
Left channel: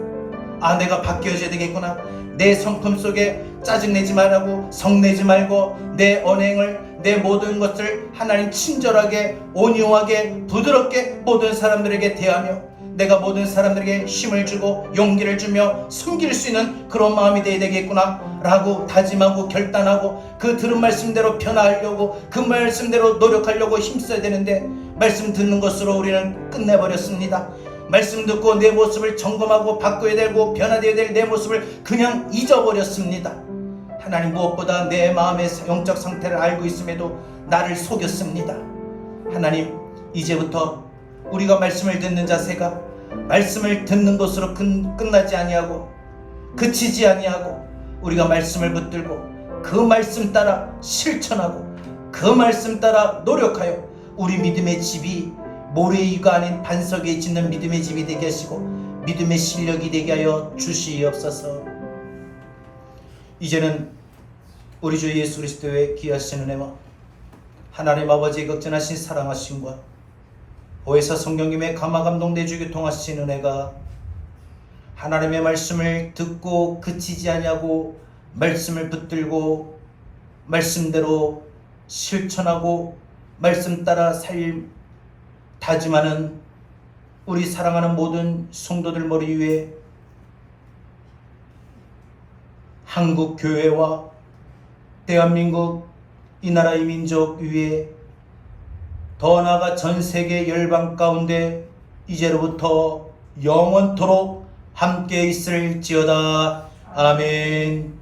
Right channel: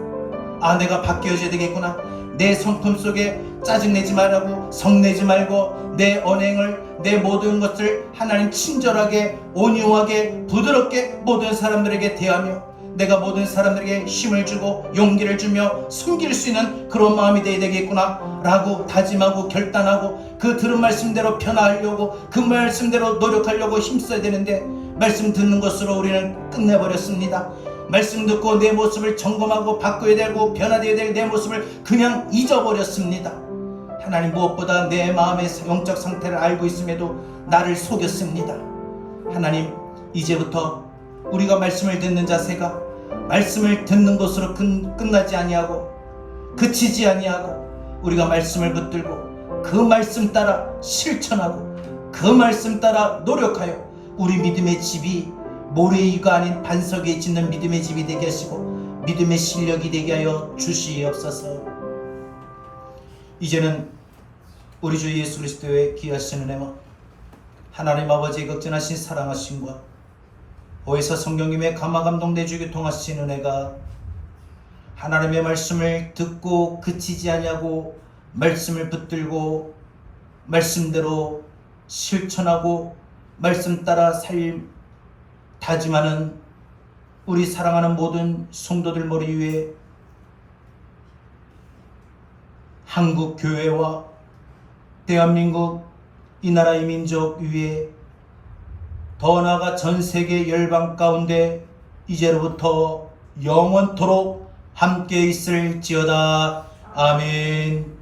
아 내가 바뀌어져야 되겠구나. 내 성품 속에 짜증내지 말라고 성내지 말고 내 언행을 내 모든 것을 하나님 친절하게 온유하게 부드럽게 모든 사람들에게 대하며 내가 모든 사람들에게 힘을 주고 용기를 주며 숨길 수 있는 그런 마음이 되어야 되겠구나 라고 다짐하고 결단하고 그 들은 말씀대로 변화하려고 그 말씀대로 노력하려고 힘써야 되는데 말씀 듣는 것으로 우리는 끝내버렸습니다. 말씀 듣고 내 모습을 점검하고 바꿔야 되고 변화되어야 될 내 모습을 그냥 잊어버렸습니다. 하나님 무엇보다 내 마음의 영적 상태를 알고 있음에도 나를 속였습니다. 하나님 이제부터 우리가 말씀을 듣는 자세가 말씀을 듣는 것으로 끝나지 아니하고 그치지 아니하고 우리가 말씀을 붙들고 그 말씀 따라 실천하고 그 말씀 따라 노력하여 우리 믿음의 집이 모래 위가 아닌 반석에 짓는 믿음의 집이 되게 하시고 믿음의 실력이 되게 하여 주시옵소서. 이제는 우리 주 예수 그리스도의 귀하신 은혜와 하나님 아버지의 극진하신 사랑하심과 오해사 성령님의 감화감동 내주 교통하신 은혜가 하나님의 말씀을 듣고 그치지 아니하고 말씀을 붙들고 말씀대로 실천하고 말씀 따라 다짐하는 우리 사랑하는 모든 성도들 머리 위에 한국 교회와 대한민국 이 나라의 민족 위에 더 나아가 전 세계 열방 가운데 이제로부터 영원토록 함께 있을지어다. 아멘.